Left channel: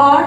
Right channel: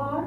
8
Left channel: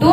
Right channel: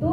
2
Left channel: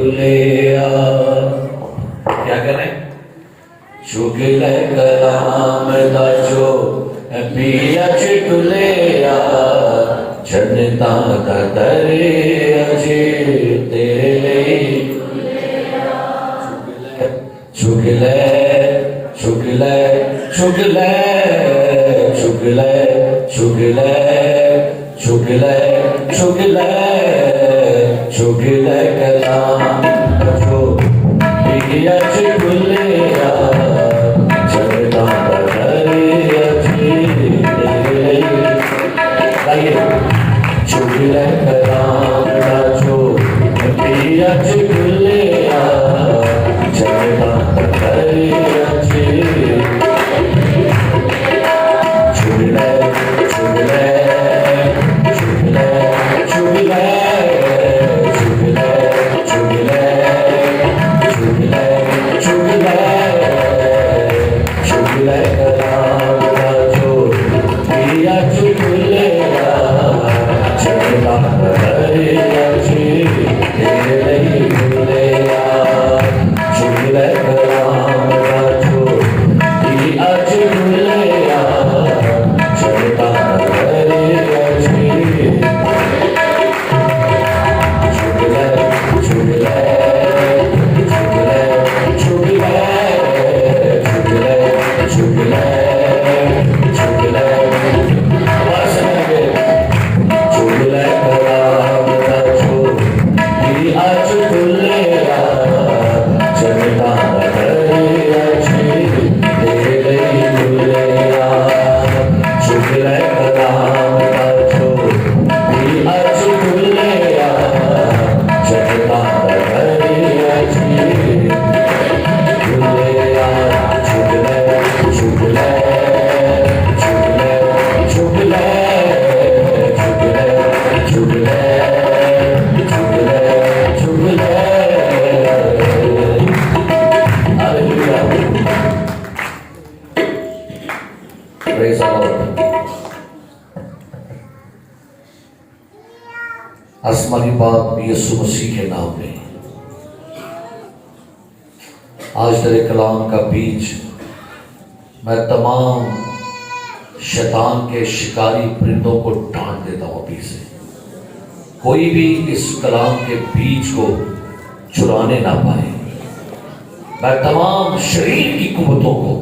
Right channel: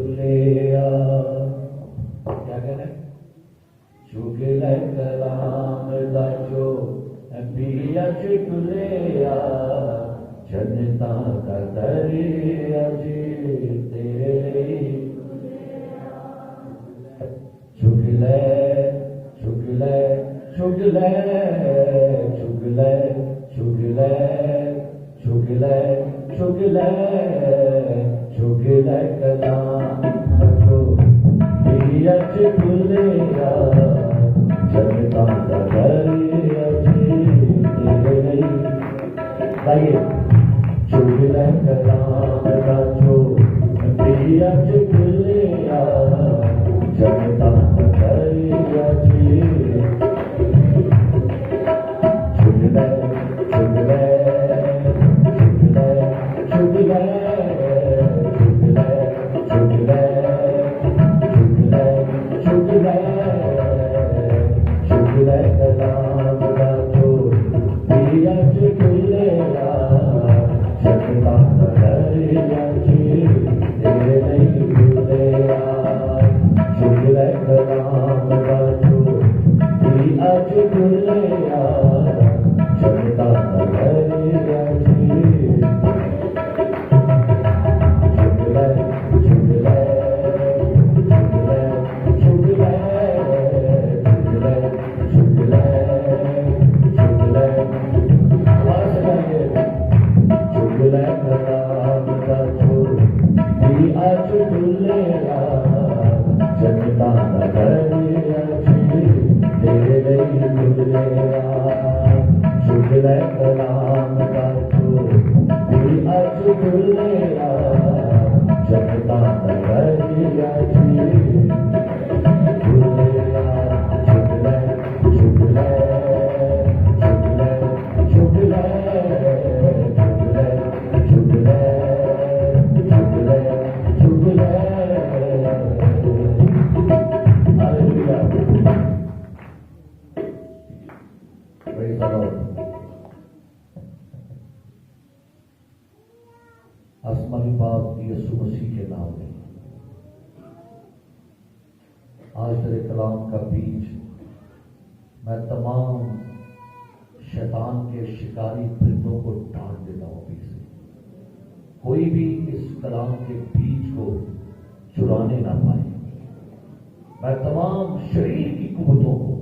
ڈلیا کیا کریں چکل کلام دا جو بیچ ڈلیا جنتا دا دریا جی تیرے چکلے چکلے چکلے چکلے چکلے چکلے چکلے چکلے کلام جو بیچ ڈلیا جنتا دا دریا جی تیرے چکلے کلام دا جو بیچ ڈلیا جنتا دا دریا جی چکلے چکلے چکلے چکلے چکلے چکلے چکلے چکلے چکلے کلام دا جو بیچ ڈلیا جنتا دا دریا جی تیرے ڈلیا چکلے کلام دا جو بیچ ڈلیا جنتا دا دریا جی چکلے چکلے چکلے چکلے چکلے چکلے چکلے چکلے کلام دا جو بیچ ڈلیا جنتا دا دریا جی تیرے ڈلیا چکلے کلام دا جو بیچ ڈلیا جنتا دا دریا جی ڈلیا چکلے چکلے چکلے چکلے چکلے چکلے چکلے چکلے Praise the Lord. آسمانی باپ یسوع مسیح کے نام میں آج تیرے کلام کا بیج میں تمام شیطان کے شکاری پرندوں کو ڈانٹ دیتا ہوں ابھی سے کوئی بھی اس کلام کے بیج کو چرانے نہ پائے میں تمام شریر کی قوتوں کو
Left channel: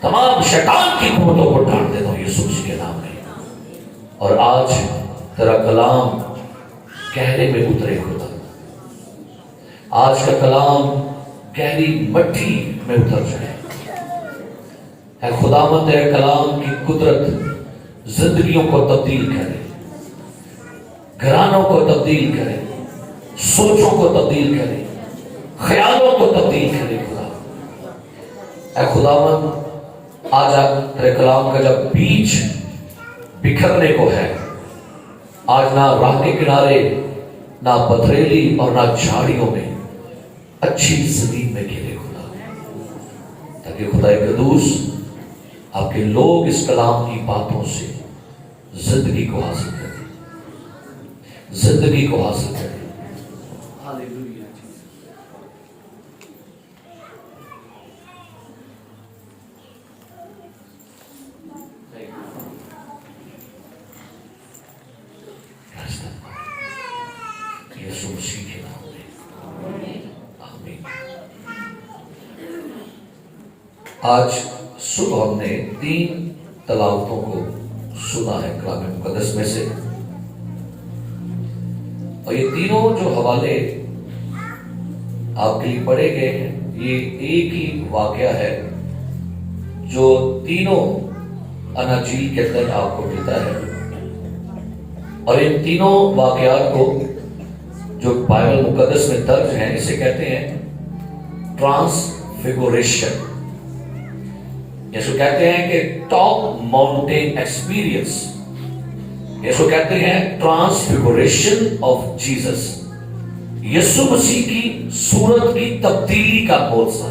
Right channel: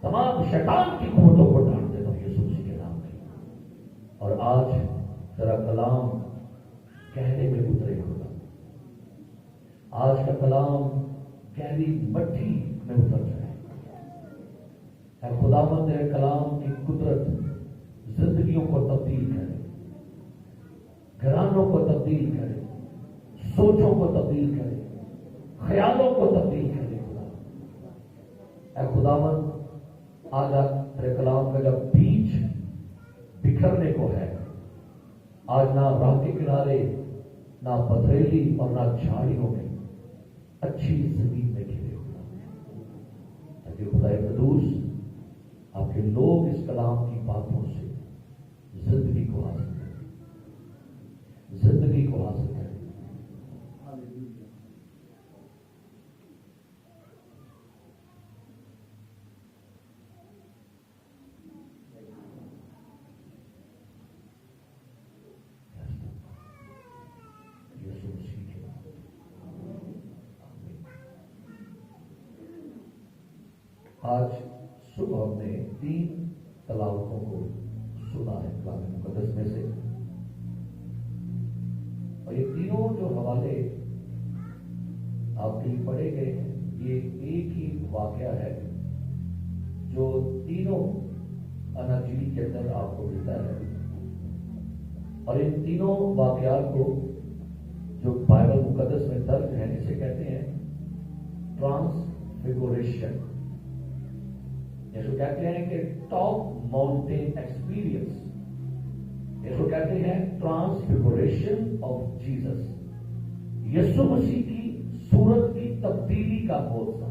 تمام شیطان کی قوتوں کو ڈانٹ دیتا ہوں یسوع مسیح کے نام میں اور آج تیرا کلام گہرے میں اترے خدا آج کا کلام گہری مٹی میں اتر جائے اے خداوند تیرے کلام کی قدرت زندگیوں کو تبدیل کرے گھرانوں کو تبدیل کرے سوچوں کو تبدیل کرے خیالوں کو تبدیل کرے خدا اے خداوند آج تیرے کلام کا جب بیج بکھرنے کو ہے آج نہ راہ کے کنارے نہ پتھریلی اور نہ جھاڑیوں میں اچھی زمین میں گرے خدا تاکہ خدا قدوس آپ کے لوگ اس کلام کی باتوں سے زندگی کو حاصل کریں زندگی کو حاصل کریں یسوع مسیح کے نام میں آمین آج صبح ہم نے 3 تلاوتوں کو سنا ہے کلام مقدس میں سے اور یہ تینوں جو حوالے آپ کے لیے پڑھے گئے ہیں یہ ایک ہی واقعہ ہے جو تینوں اناجیل کے اندر آپ کو ملتا ہے اور ان تینوں واقعات کو جو بائبل مقدس میں درج ہیں اسے کہتے ہیں ٹرانسفیگوریشن یسوع کہتے ہیں کہ ٹاپ ماؤنٹین ایکسپیرینس یسوع کہتے ہیں ٹرانسفیگوریشن آف جیسس یسوع مسیح کی صورت کی تبدیلی کا معجزہ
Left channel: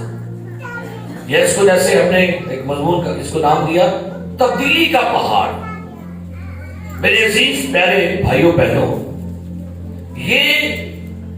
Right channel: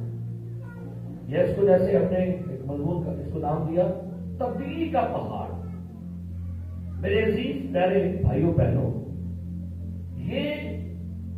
یہ اس کو جیسے ہم نے ایک مضمون کا اس کو نام دیا تبدیلی کا پہاڑ میرے عزیز پیارے بھائیوں بہنوں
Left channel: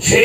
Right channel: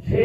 6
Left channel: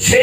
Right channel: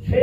6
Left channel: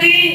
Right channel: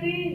3,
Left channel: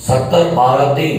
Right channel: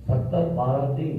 70, 12, 3।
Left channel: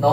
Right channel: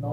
9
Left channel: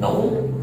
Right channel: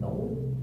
9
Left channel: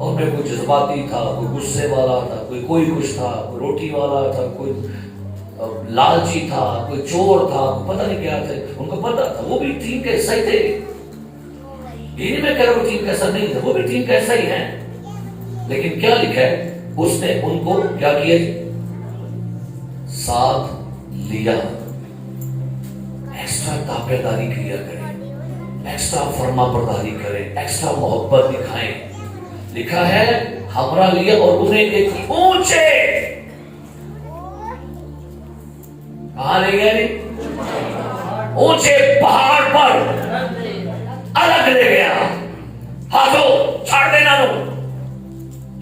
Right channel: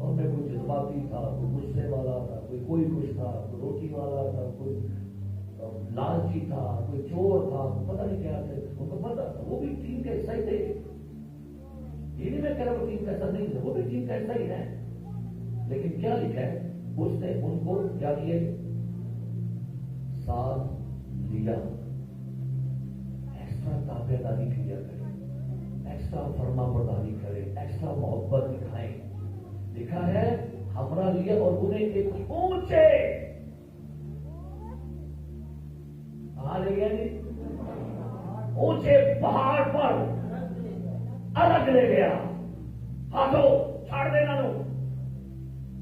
اور میں کوئی جذباتی تھا, کوئی غصے والا تھا, کوئی کچھ تھا, کوئی روٹی والا تھا, کوئی لالچی تھا, کوئی چور تھا, پتہ نہیں کیا تھے. ان کو پتہ تھا وہ بھی ٹیم کا حصہ ہی تھے. یہ نہیں میں کہہ رہا ہوں ٹیم کا حصہ نہیں تھا, وہ بھی ٹیم کا حصہ ہی ہے. لیکن کیا لکھا ہے, اس نے ان کو کیا کیا, ساتھ لیا. ایکسٹرا تابعداری کیا کریں, ایکسٹرا فرما برداری کریں, ایکسٹرا محبت دکھائیں. لکھا ہے ہمرا لیا اور انہیں ایک اونچے, کہاں لے گئے, اونچے پہاڑ پر الگ لے گیا. ہاتھوں چھاڑ دینا, لو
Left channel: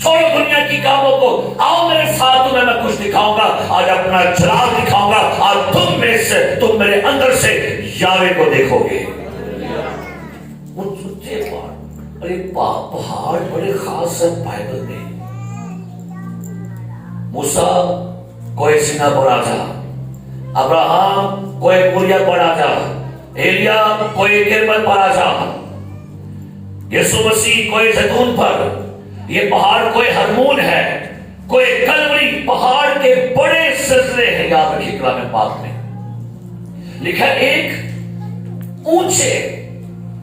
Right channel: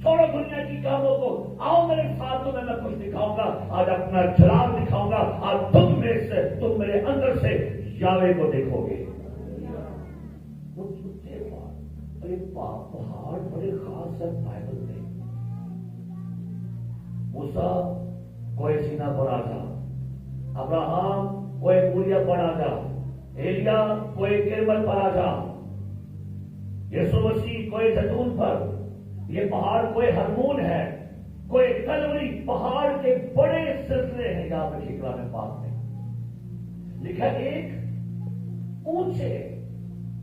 چھوڑو دنیا کی کاموں کو, آؤ میرے ساتھ, تمہیں میں کچھ دکھاؤں گا. آج اپنا جلال دکھاؤں گا. آج تم میرے اندر سے یاوے کو دیکھو گے. ان سچے پہاڑ بڑے خاص ہے بائبل میں. موسیٰ کوئی سینا پر آجا, ابراہم کوئی موریا پر آجا, ایلیا کوئی کرمل پر آجا, یسوع مسیح کوئی زیتون پر. یہ پہاڑ کوئی ہرمون ہے, کوئی کلوری, پہاڑ کے بڑے سلسلے ہیں. یاد رکھیے کلام پاک میں لکھا ایک اونچے,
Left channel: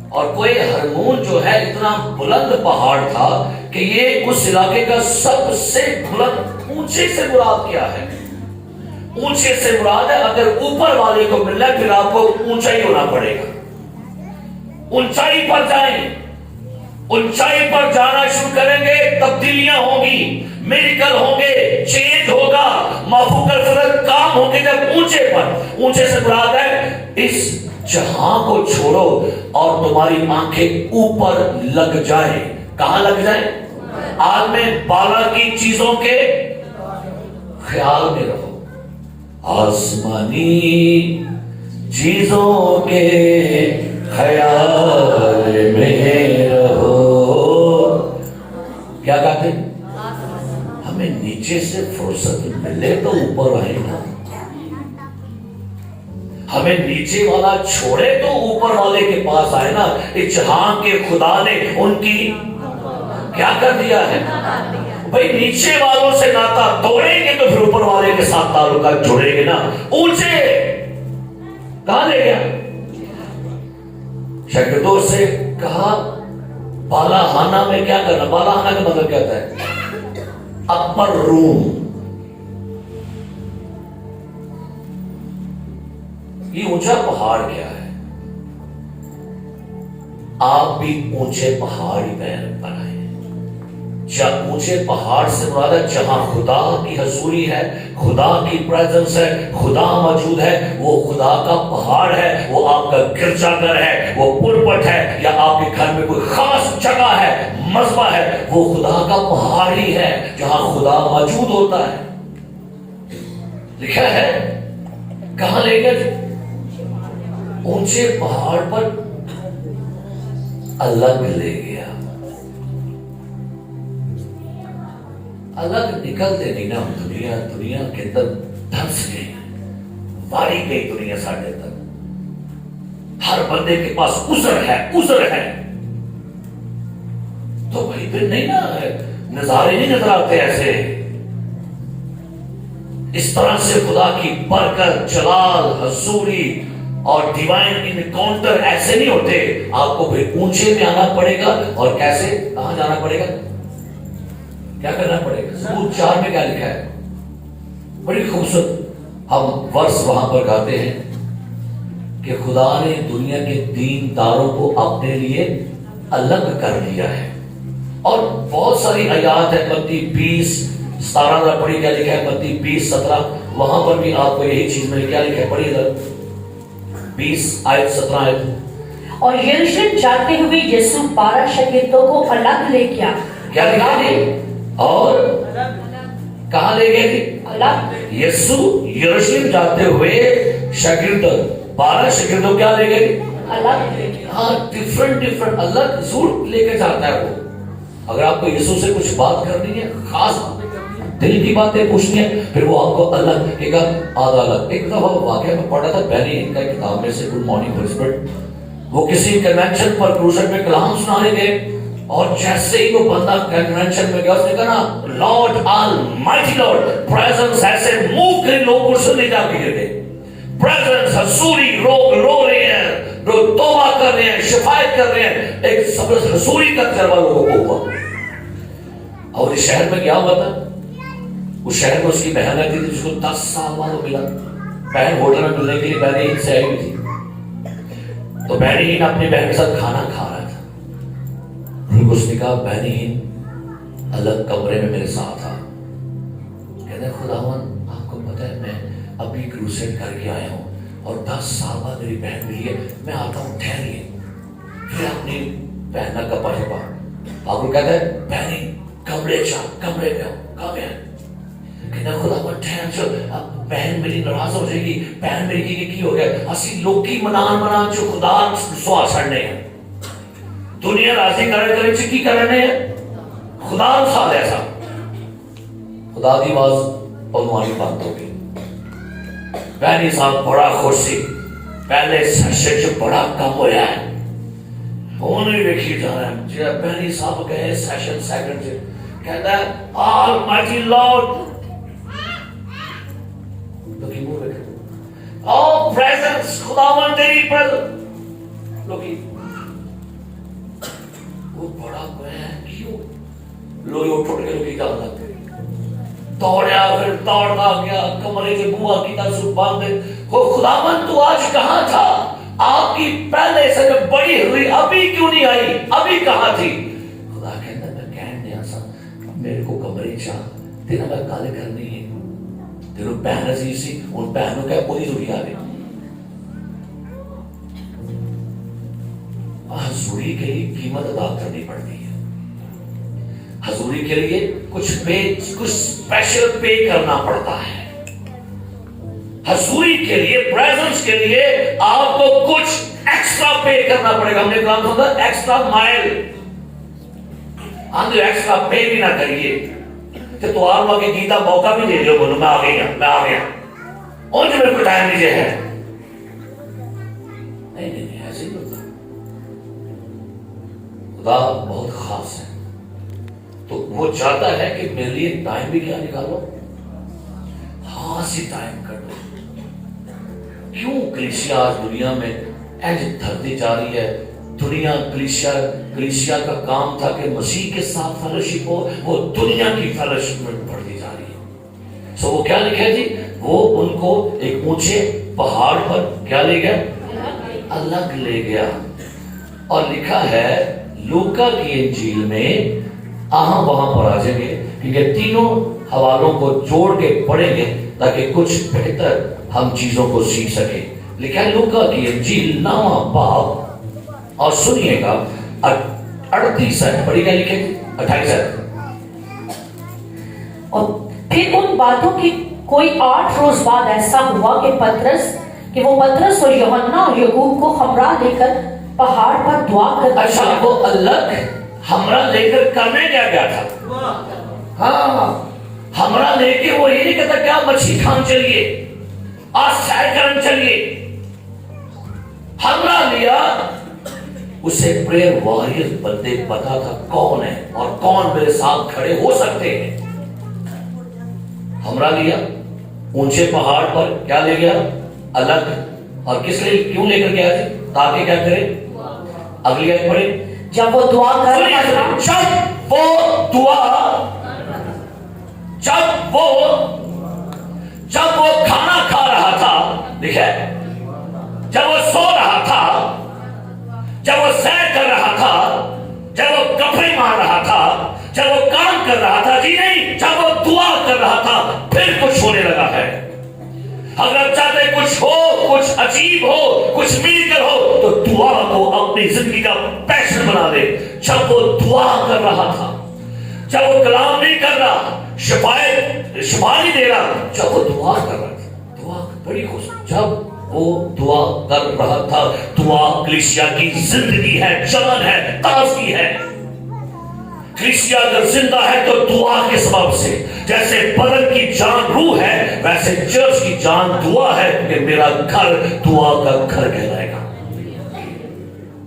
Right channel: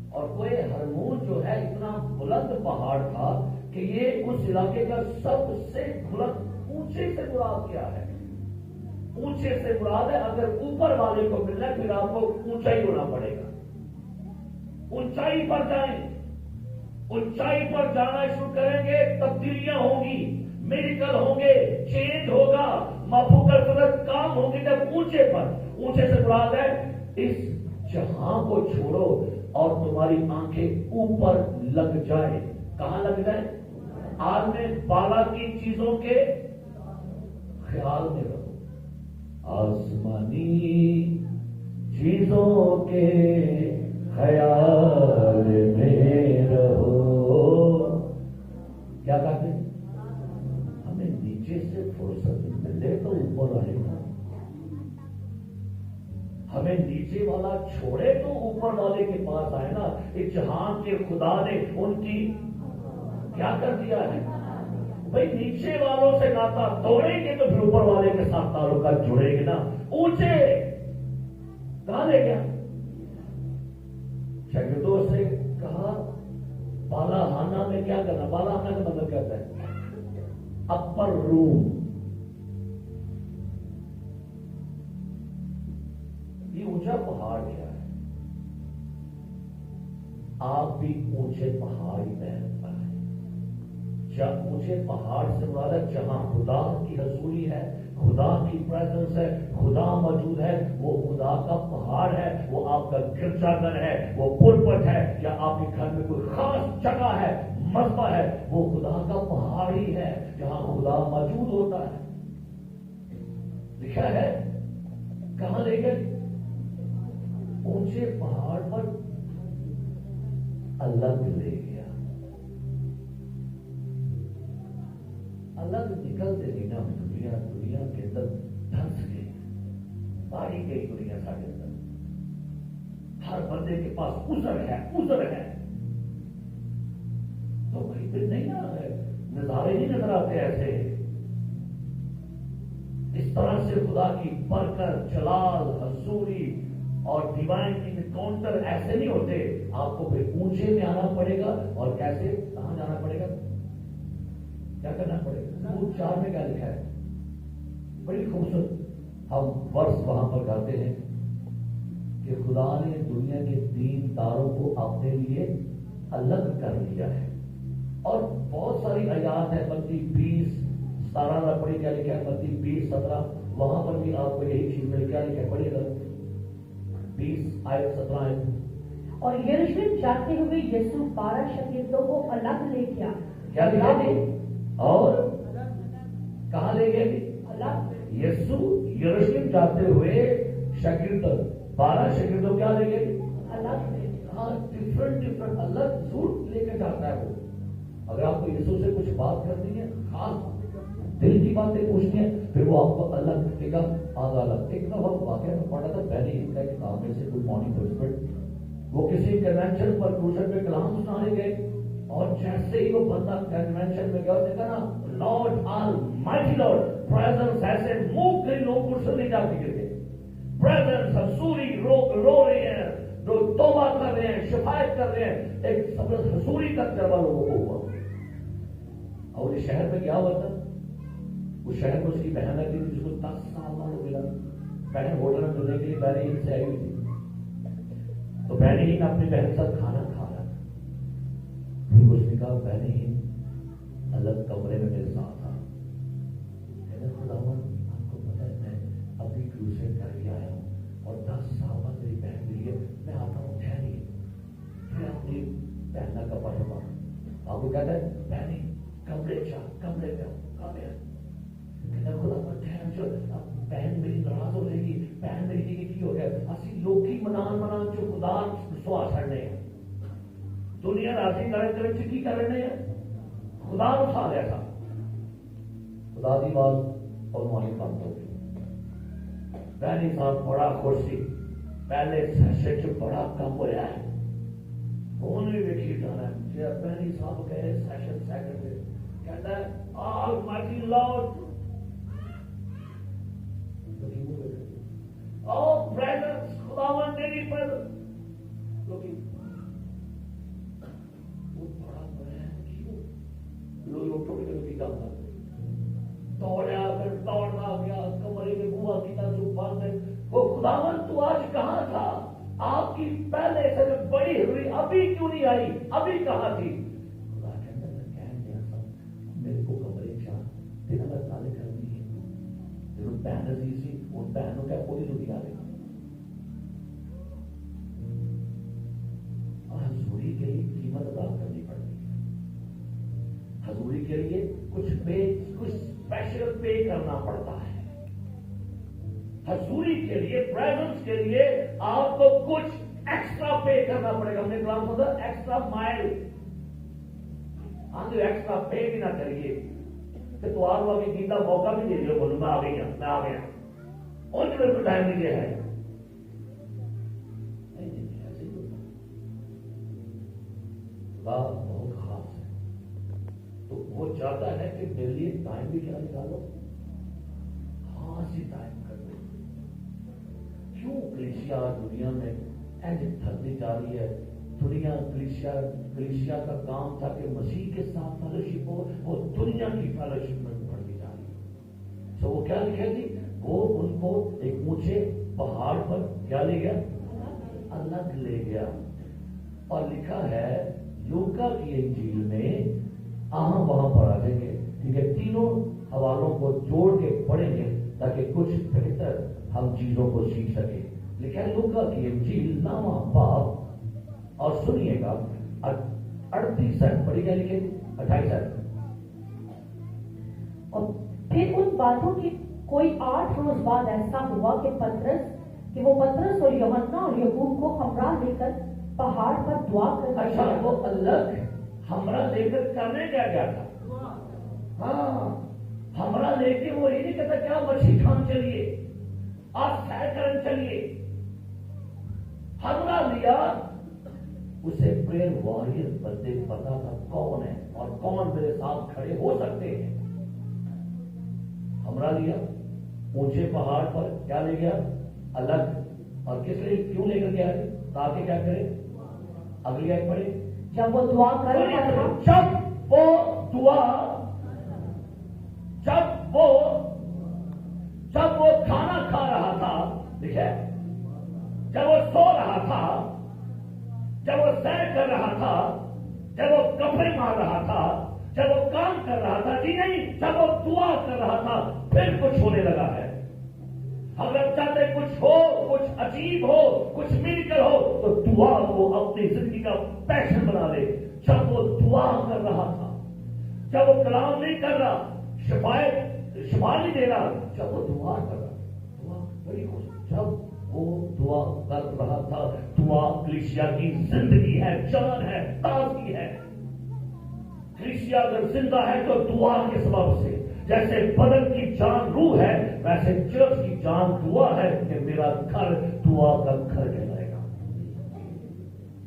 اور کوئی ہرمون جو ہے اتنا بلند پہاڑ تھا کہ یہ اس علاقے کا سب سے بلند. اونچے سے مراد کیا ہے, اونچے سے مراد ہے اگر اوپر والے کو ملنا ہے پھر آپ کو اونچائی ہونا پڑے گا. اونچائی پر جائیں, اونچائی پر جانا شروع کریں گے, تبدیلیاں ہوں گی, میریکل ہوں گے, چینج ہوگا, مافوق الفرق کام ہوں گے. جب اونچے پر, اونچے سے مراد ہے اس جہاں کو چھوڑو اور تمہاری آنکھیں اوپر لگ جائیں. کہاں لگ جائیں, عالم بالا کی چیزوں کے خیال میں رہو, آسمانی چیزوں کے خیال میں رہو. کیا کہتے ہیں, ہمیں نیچے سے فرصت ملے تو اوپر آئے نا, ہمیں نیچے والا چھوڑے تو اوپر والے کے پاس آئے نا. اس جہاں کے خدا نے ان کی کیا کر دیا ہے بھئی, نیچے والوں سے ناتا توڑیں گے تو پھر اوپر والے کے ساتھ تعلقات جڑیں گے نا. اونچے کہاں لے گیا, شاگردوں سے کہا بالا ہانا میں کیا کرنا. بالا ہانا کا مطلب کیا ہوتا ہے, اپر روم. یہ اونچا پہاڑ کیا ہے, آپ بھی اونچے پہاڑی پر آئے. اونچے پہاڑ سے مراد ہے جہاں خدا کی حضوری ہے, خدا کی پریزنس ہے, خدا موجود ہے. وہ خدا کا پہاڑ ہے, وہ آپ کا گرجا گھر ہے, وہ پلپٹ ہے, یا آپ کے گھر میں کوئی خاص جگہ ہے, مذبح ہے. وہ خدا کا پہاڑ ہی ہے جہاں خدا موجود ہوتا ہے. لکھا ہے کہاں لے گئے, اونچے پہاڑ پر الگ لے گیا. الگ نکلتے نہیں نا, دنیا کے اندر دھنس گئی, ماری گئی دنیا ساڑھے تک. ہر بندے کے پاس عذر ہے, تو بھائی پھر نہیں نا, نظارے نہیں نظر آتے ایسے. اس طرح سے خدا کی برکت, جلال, حضوری اور ڈیوائن انکاؤنٹر ایسے نہیں ہوتے. آپ کو پھر اونچے میں آنا پڑے گا. اور کیسے, کہاں جانا پڑے گا, کیا کرنا پڑے گا. زبور 4 میں کیا لکھا ہے, بڑی خوبصورت ہم ورس وہاں پر گاتے ہیں کہ خدا نے دنیا کے دین داروں کو اپنے لیے الگ کر لیا ہے. اور بہت ساری آیات ہے, متی 20:17 پڑھی, کیا لکھا ہے متی 20:17, وہاں پر بھی آپ کو یہی چیز میں کیا لکھا ہے, پڑھی ادھر 20:17. اور یروشلم جاتے ہوئے یسوع 12 شاگردوں کو الگ لے گیا. کیا لکھا ہے, اور کہاں لے گئے تھے, الگ. یسوع یروشلم جاتے ہوئے شاگرد 12 شاگردوں کیا لے گئے, الگ لے گیا. ہاں, ڈیفرنٹ الگ ضرور لے کے جاتا ہے. وہ اگر آپ کو یسوع سے کچھ بات کرنی ہے, خاص دل کی باتیں پوچھنی ہے, پھر وہ آپ کو الگ کہے گا, آدھا الگ. ایک دفعہ واقعہ میں پڑھا تھا بینی ان کا کتاب میں سے, گڈ مارننگ ہالی اسپرٹ. وہ کسی کنونشن پر کروسٹ میں کلام سنانے گئے, اور جیسے ہی وہ بندہ کنونشن میں گیا اس نے کہا نا لارڈ آلمائٹی لارڈ پریزنس ایسے موو کرے لوگ کرسے نہیں جا کے گئے پریزنس حضوری رو رہے ہیں توبہ کر رہے ہیں شفایت کر رہے ہیں ایک زبردست حضوری کا تجربہ لوگوں کو ہوا اور اس شہر میں کیا ہوا تھا اس شہر میں اس کی بہن رہتی تھی جس کو 10 سال بعد ملا بہن ہوٹل میں ملنے کے لیے بہن ہند سے آئی ہوئی تھی تو بہن ہند اپنی بہن کے ساتھ کھانا کھا رہا تھا اس نے کہا بہن ہند الگ کمرے میں میرے ساتھ آ کہتے ہیں خداوند آپ کو پتہ ہے میں ابھی کروسیڈ کر کے آیا ہوں اور 10 سال بعد میری بہن ملی ہے میں آتا ہوں ٹھہریے پھر اپنی بہن کا کپڑا چھپا آپ کو کہتا ہے بہن کمرے کمرے پہ کہاں ہے کہتا ہے خداوند ٹھہر چل بہن میری ناراض ہو جائے گی بہن میری کی ہو گیا اسی لوگ کی منان جو خدا سوا چھڑنے ہیں دنیا راضی کرے چکی کرنے ہیں خدا ساتھ ایسا خدا دی آواز بھگوانی بند ہو گئی بہنی صاحب بڑا خوش سی پہلے سیشن جو بڑا کم ہویا ہے وہ نہیں دیکھی جا رہا ہے جب بہنی صاحب گئے سیشن سیکنڈ سے کہتا ہے آلمائٹی لارڈ لوکی مو بیٹھے او پریزنس خداوند تیری پریزنس لوکی وہ بڑا بہن کیوں لوگ اٹھ کے لوکی جان لگتے دوڑیا پھر دوڑتا گیا کمرے سے بوا کی تاسو باندھے وہ خداوند تو آج کہاں تھا آپ کی پہلے سے جب بڑی ہوئی ابھی کیوں نہیں آئی ابھی کہاں تھی خدا کہتا میں کہن دیا سا میرے کو کمرے چاہ تیرا میں گالے کرنی ہے تیرو بہن عزیز سی ان بہنوں کا پوری ضروری آ گئی حضوری کے لیے قیمت ادا کرنی پڑتی ہے حضوری کے لیے کچھ اسپیشل پے کرنا پڑتا ہے حضوری کے لیے پریزنس کے لیے آپ کو کچھ ایکسٹرا پے کرنا پڑے گا ہم نے کہا تھا ایکسٹرا مائل اندر ایکسٹرا پے بھی نہ کریے کہ تو آپ وہاں کے گیتا موقع بھی دے دو بولو میں آ گیا اور جو میرے کو ٹائم لیجیے ہے نہیں ایسے ہی ہوتا خدا بہت خاص ہے تو وہ چاہتا ہے کہ میرے لیے ٹائم بھی کیا نکالو ہاں سی ٹائم کر دو کیوں کلیسیا آج دنیا میں ایج دھرتی جا رہی ہے دنیا کلیسیا کا کام تھا کہ مسیح کے ساتھ فیلوشپ ہو وہ دنیا کی فیلوشپ میں بڑھتی جا رہی ہے سو وہ کیا لکھا جی وہ ان کو ایک اونچے پہاڑ پر کیا لے گیا الگ لے گیا اور لکھا ہے لوکا کی انجیل میں وہاں پر آ جائیں گے کیونکہ تینوں حوالوں کو جوڑ کے پڑھیں گے تاکہ کچھ بہتر ہم چیزوں کو سیکھ سکیں لکھا ہے لوکا کی انجیل 9واں باب اور سنیے گا 38 پڑھی گیا لکھے 28 اور پھر ان باتوں کی کوئی 8 روز بعد ایسا ہوا کہ وہ پطرس اور یوحنا اور یعقوب کو ہمراہ لے کر پہاڑ پر دعا کرتے اچھا وہ الگ ہمراہ لے کر کرنے گیا تھا ہاں ہمراہ لے کے وہ یہ نہیں کہتا کیا مچھلی کھان چلیے آج سیر کرن چلیے ہمراہ لیا اسے پریئر واریر بندے پتا تھا کون ہے اور کون میرے ساتھ کھڑے ہو سکتے ہیں ہمراہ لیا اونچے پہاڑ پر کیا لے گیا الگ اور کس لیے کیوں لے کر گیا تھا تاکہ کیا کرے اگلی آیت پڑھے جب وہ دعا کر رہا تھا جب وہ کھانا کھا رہا تھا دیکھے جب وہ سو رہا تھا جب وہ سیر کر رہا تھا جب وہ کپڑے مار رہا تھا جب وہ کام کر رہا تھا جی نہیں جب وہ دعا کر رہا تھا پھر کچھ ہونے لگا ہے اگر چاہتے کچھ ہو کچھ عجیب ہو کچھ میریکل ہو تو دعا کو اپنی زندگی کا پیشن بنا دے جب وہ دعا کر رہا تھا جب وہ کلام نہیں کر رہا شفا نہیں دے رہا جب وہ دعا کر رہا تھا دعا بڑی خوش جب وہ دعا کر رہا تھا دعا کلیسیا کی زندگی ہے جان ہے تازگی ہے کلیسیا اگر زندہ ہے تو دعا کے سبب سے جیسے بدن کی جان روح ہے ویسے چرچ کی جان دعا ہے کہ میرا گھر دعا کا گھر کہلائے گا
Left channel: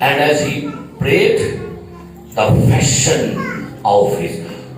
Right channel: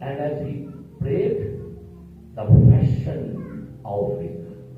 and as he prayed the fashion of his,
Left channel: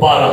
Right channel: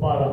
12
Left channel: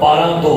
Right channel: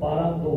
12:2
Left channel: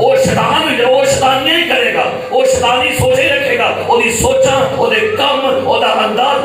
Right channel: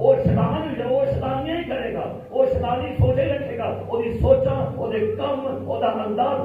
ਉਹ ਸ਼ੈਤਾਨ ਵੀ ਉਹ ਸ਼ੈਤਾਨੀਆਂ ਹੀ ਕਰੇਗਾ, ਉਹ ਸ਼ੈਤਾਨੀ ਸੋਚੇ ਰੱਖੇਗਾ, ਉਹਦੀ ਸੋਚਾਂ, ਉਹਦੇ ਕੰਮ, ਉਹਦਾ ਅੰਦਾਜ਼,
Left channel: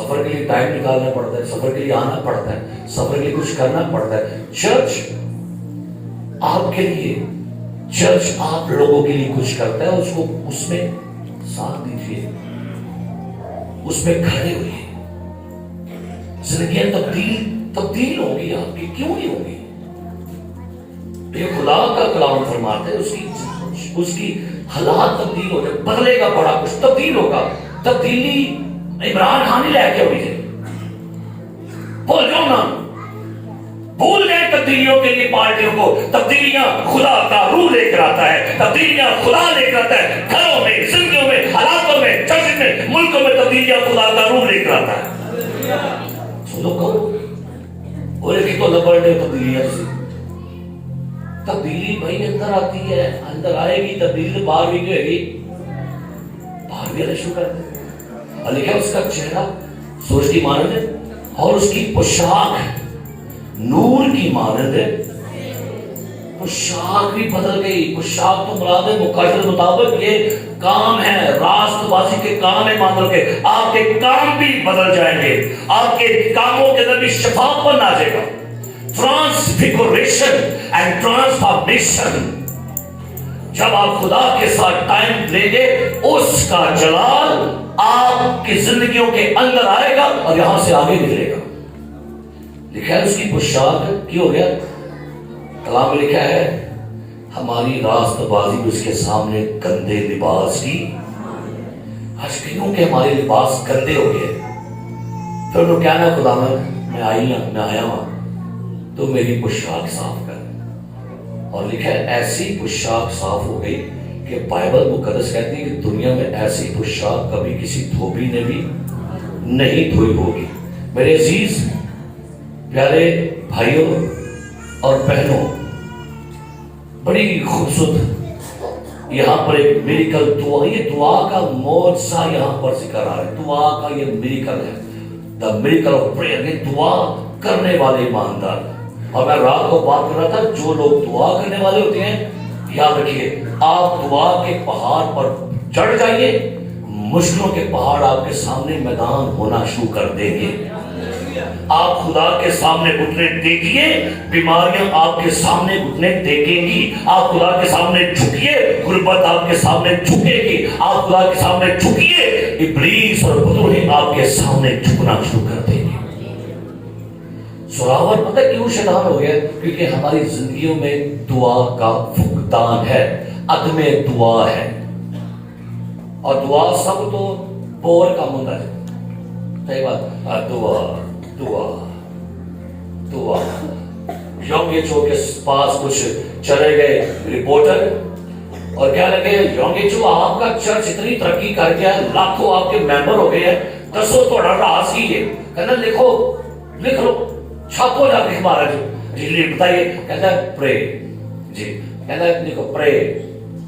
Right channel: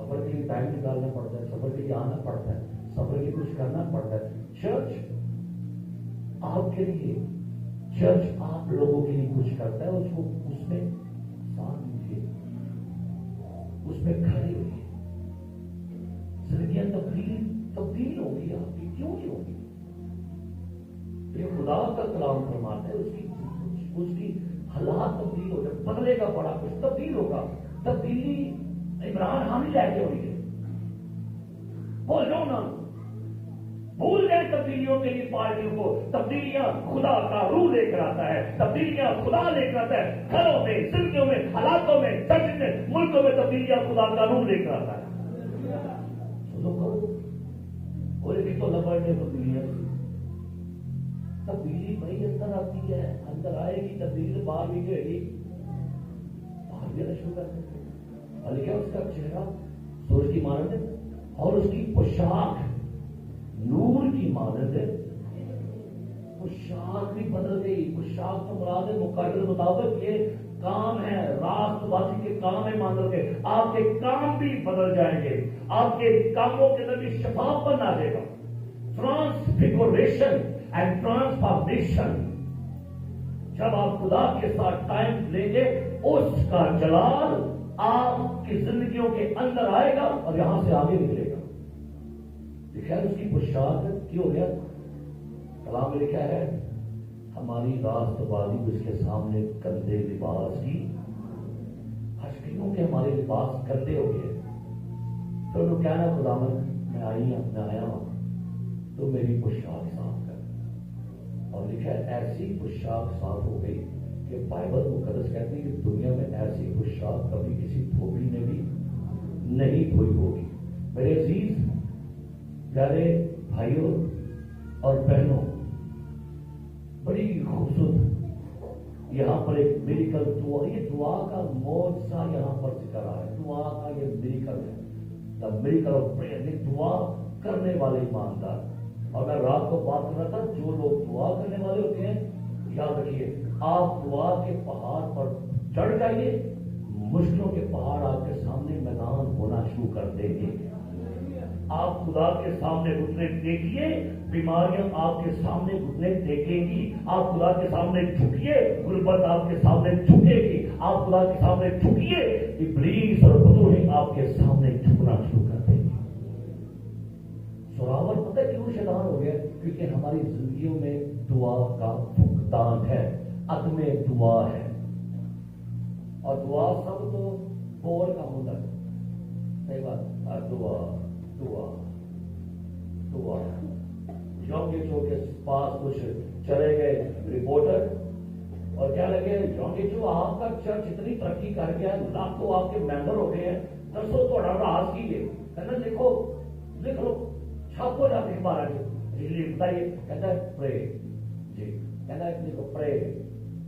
سفر کے لیے ٹائم نکالنا پڑتا ہے, سفر کے لیے آنا پڑتا ہے, سفر کے لیے کچھ کرنا پڑتا ہے. چرچ آپ کے لیے, چرچ آپ لوگوں کے لیے کچھ کرتا ہے, اس کو اس میں ساتھ دیجیے, اس میں کھڑے ہوئیے. زندگیاں تبدیل ہوگی آپ کی, کیوں نہیں ہوگی؟ یہ خدا کا کلام فرماتے ہیں اس کی حالات تبدیل ہو جائے, بدلے گا, بڑا کچھ تبدیل ہوگا. تبدیلی عمران خان ہی لے کے ہوئی تھی, بول جاؤ نا, بھول گئے تبدیلیوں کے لیے پارٹیوں کو. تبدیلیاں خدا کا روح لے کر آتا ہے, تبدیلیاں خدا لے کر آتا ہے. گھروں میں, زندگیوں میں, حالاتوں میں, چرچ میں, ملکوں میں تبدیلیاں خدا کا روح لے کر آتا ہے. سنو کہو اور ایک تو لبڑ نے تبدیلیاں سے تبدیلی بھائی اندر آتی ہے, اندر آئے گی تبدیلی, باہر بھی جو ہے گی, باہر بھی آنا شروع کر دے. اور لکھا اس کا چہرہ سورج کی مانند ہے اور اس کی پوشاک نور کی مانند ہے. پوشاک بھی بدل گئی. پوشاک تو مراد ہے مقاصد مطابق یہ کام ہے, راست بازی کے کام ہے. مان لو کہ آپ کے کام بھی بدل جائیں گے, آپ کے کاموں کے اندر بھی شفاپن آ جائے گا. ٹرانسفیگوریشن اینڈ ٹرانسفارمیشن. جب آپ خدا کے ساتھ ٹائم لیں گے, اس کا جلال آپ کی زندگیوں کے اندر آئے گا اور یہاں سے آگے نکلے گا. لکھا ہے اس کی پوشاک کی ہو گیا, کلام میں لکھا ہے ہماری راست بازی اس کے سامنے گندے لباس کی. آج کیوں کہ ہمارے لباس گندے ہو گئے. پھر انہوں کہنا خدا میں آیا ہوں, تو میری پوشاک صاف کر. اور لکھا ہے ایسی پوشاک صاف ہو گئی کہ بائبل مقدس کہتی ہے کہ دنیا میں ایسی پوشاک کبھی کسی دھوبی نے بھی نہیں دھوئی ہوگی. میرے عزیز پیارے بھائیوں اور بہنوں, بڑی خوبصورت یہاں پر ایک میریکل دعا, یہ دعا کا معجزہ یہاں پر ذکر آ رہا ہے. دعا کا یہ میریکل ہے, دا میریکل آف پریئر. یہ دعا کرنے والے ایماندار. اور میں رات کو بات کر رہا تھا, جو لوگ دعا کرنے والے ہوتے ہیں, یاد رکھیے آپ دعا کے پہاڑ پر چڑھ جائیے, مشکلوں کے پہاڑ آپ کے سامنے میدان ہونا شروع کر دیں گے. آپ خدا کے سامنے گھٹنے ٹیکیے, بیماریاں آپ کے سامنے گھٹنے ٹیکیں گی. آپ خدا کے سامنے جھکیے, غربت آپ کے سامنے جھکے گی. آپ خدا کے سامنے جھکیے, ابلیس اور بدروہی آپ کے سامنے جھکنا شروع کر دیں گے. سراور پتہ کیوں شیطان ہو گیا؟ کیونکہ ہماری زندگیوں میں دعا کا فقدان ہے, عدم دعا ہے. اور دعا سب تو بور کام ہوتا ہے. صحیح بات, دعا دعا دعا. یونگ ایچو کے پاس کچھ چلے گئے رپورٹر اور کیا لگے, یونگ ایچو آپ کا چرچ اتنی ترقی کر گیا, لاکھوں آپ کے ممبر ہو گئے ہیں, دسو تھوڑا راز کی ہے. کہنا لکھ لو, چھاپو جا کے ہمارا جی بتائیے. کہتا ہے پرے, جی کہتا ہے لکھو پرے,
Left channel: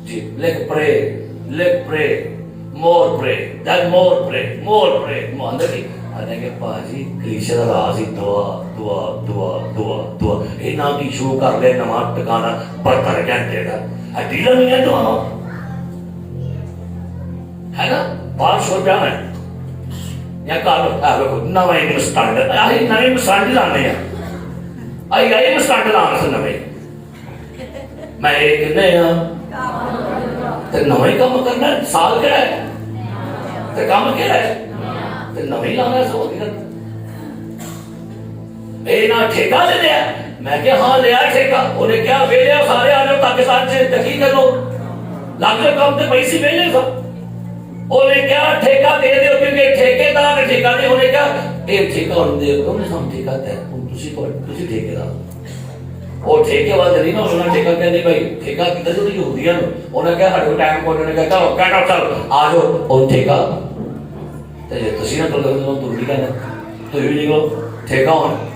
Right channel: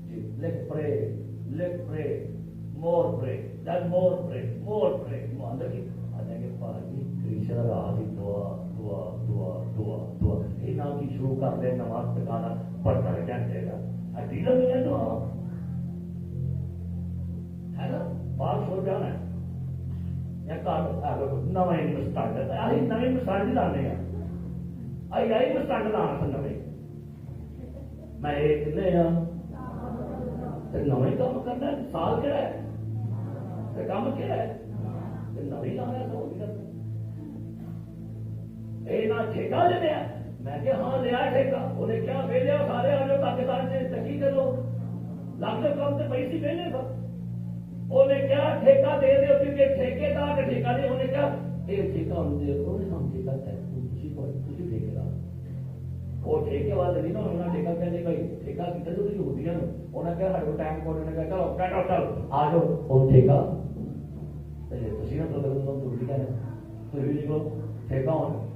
جی لکھ پرے مور پرے, دین مور پرے. اندر کی آنے کے پاجی کلیشے دا راز ہی دعا دعا دعا دعا دعا. یہ نہ کی شروع کر لے نماز ٹکانا 72 گھنٹے کا, ڈیلا نہیں ہے دعا ہے نا. 500 روپیہ میں یا کارو نویں مسٹانڈ آئی, نویں مسٹانڈ لانے ہیں, آئی مسٹانڈ لانا سے نویں. میں ایک نیا نویں کام کرنا ہے, سال کیا ہے تو کام کیا ہے تو نویں لانا ہے. سو اے نہ ٹھیکہ لے لیا. میں کہ ہاں لیا ٹھیکہ. انہیں کیا بے لیا, سارے آ جاؤ تاکہ ساتھ سے تحقیق کر لو. لاکھ کام تے پیسے بے لے سا. انہیں کیا ٹھیکہ دے دے, کیونکہ ٹھیکے دار نے ٹھیکہ دے. انہیں کیا اے ٹھیکہ انہوں نے دے, انہیں ہم ٹھیکہ دے, تسی ٹھیکے دار. وہ ٹھیکے والے نہیں نا, انہوں نے ٹھیکہ کہنے بھائی ٹھیکہ کتنے جو یہودیاں نو, انہیں کیا ہر ٹائم کو انہوں نے کہا چلو کہنا چل آ جاؤ اور ٹھیکہ تسی نہ تو نہیں کہنا, تو یہ بھی نکلو ٹھیکہ ہونا.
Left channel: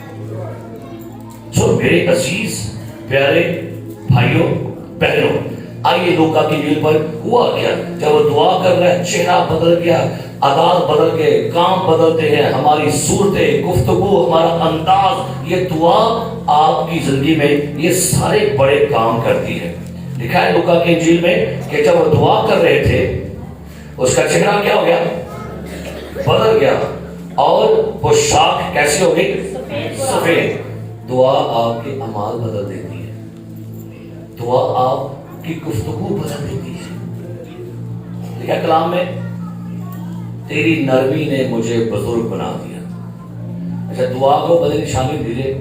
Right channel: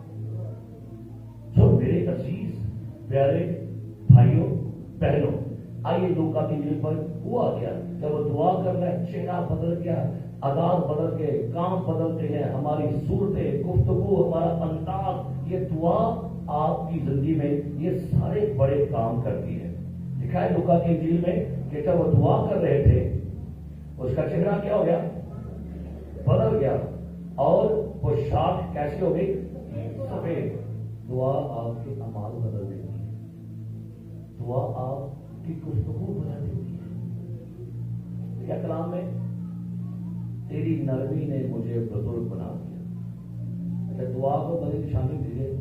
سو میرے عزیز پیارے بھائیوں بہنوں, آئیے لوکا کی انجیل پر ہوا کیا. جب وہ دعا کر رہے, چہرہ بدل گیا, عادات بدل گئے, کام بدلتے ہیں, ہماری صورتیں, گفتگو, ہمارا انداز. یہ دعا آپ کی زندگی میں یہ سارے بڑے کام کرتی ہے. لکھا ہے لوکا کی انجیل میں کہ جب وہ دعا کر رہے تھے, اس کا چہرہ کیا ہو گیا, بدل گیا. اور پوشاک کیسی ہوگی؟ سفید۔ دعا آپ کے اعمال بدل دیتی ہے، دعا آپ کی گفتگو بدل دیتی ہے۔ لکھا کلام میں تیری نرمی نے مجھے بزرگ بنا دیا۔ اچھا، دعا کو بدل نشانی دیجیے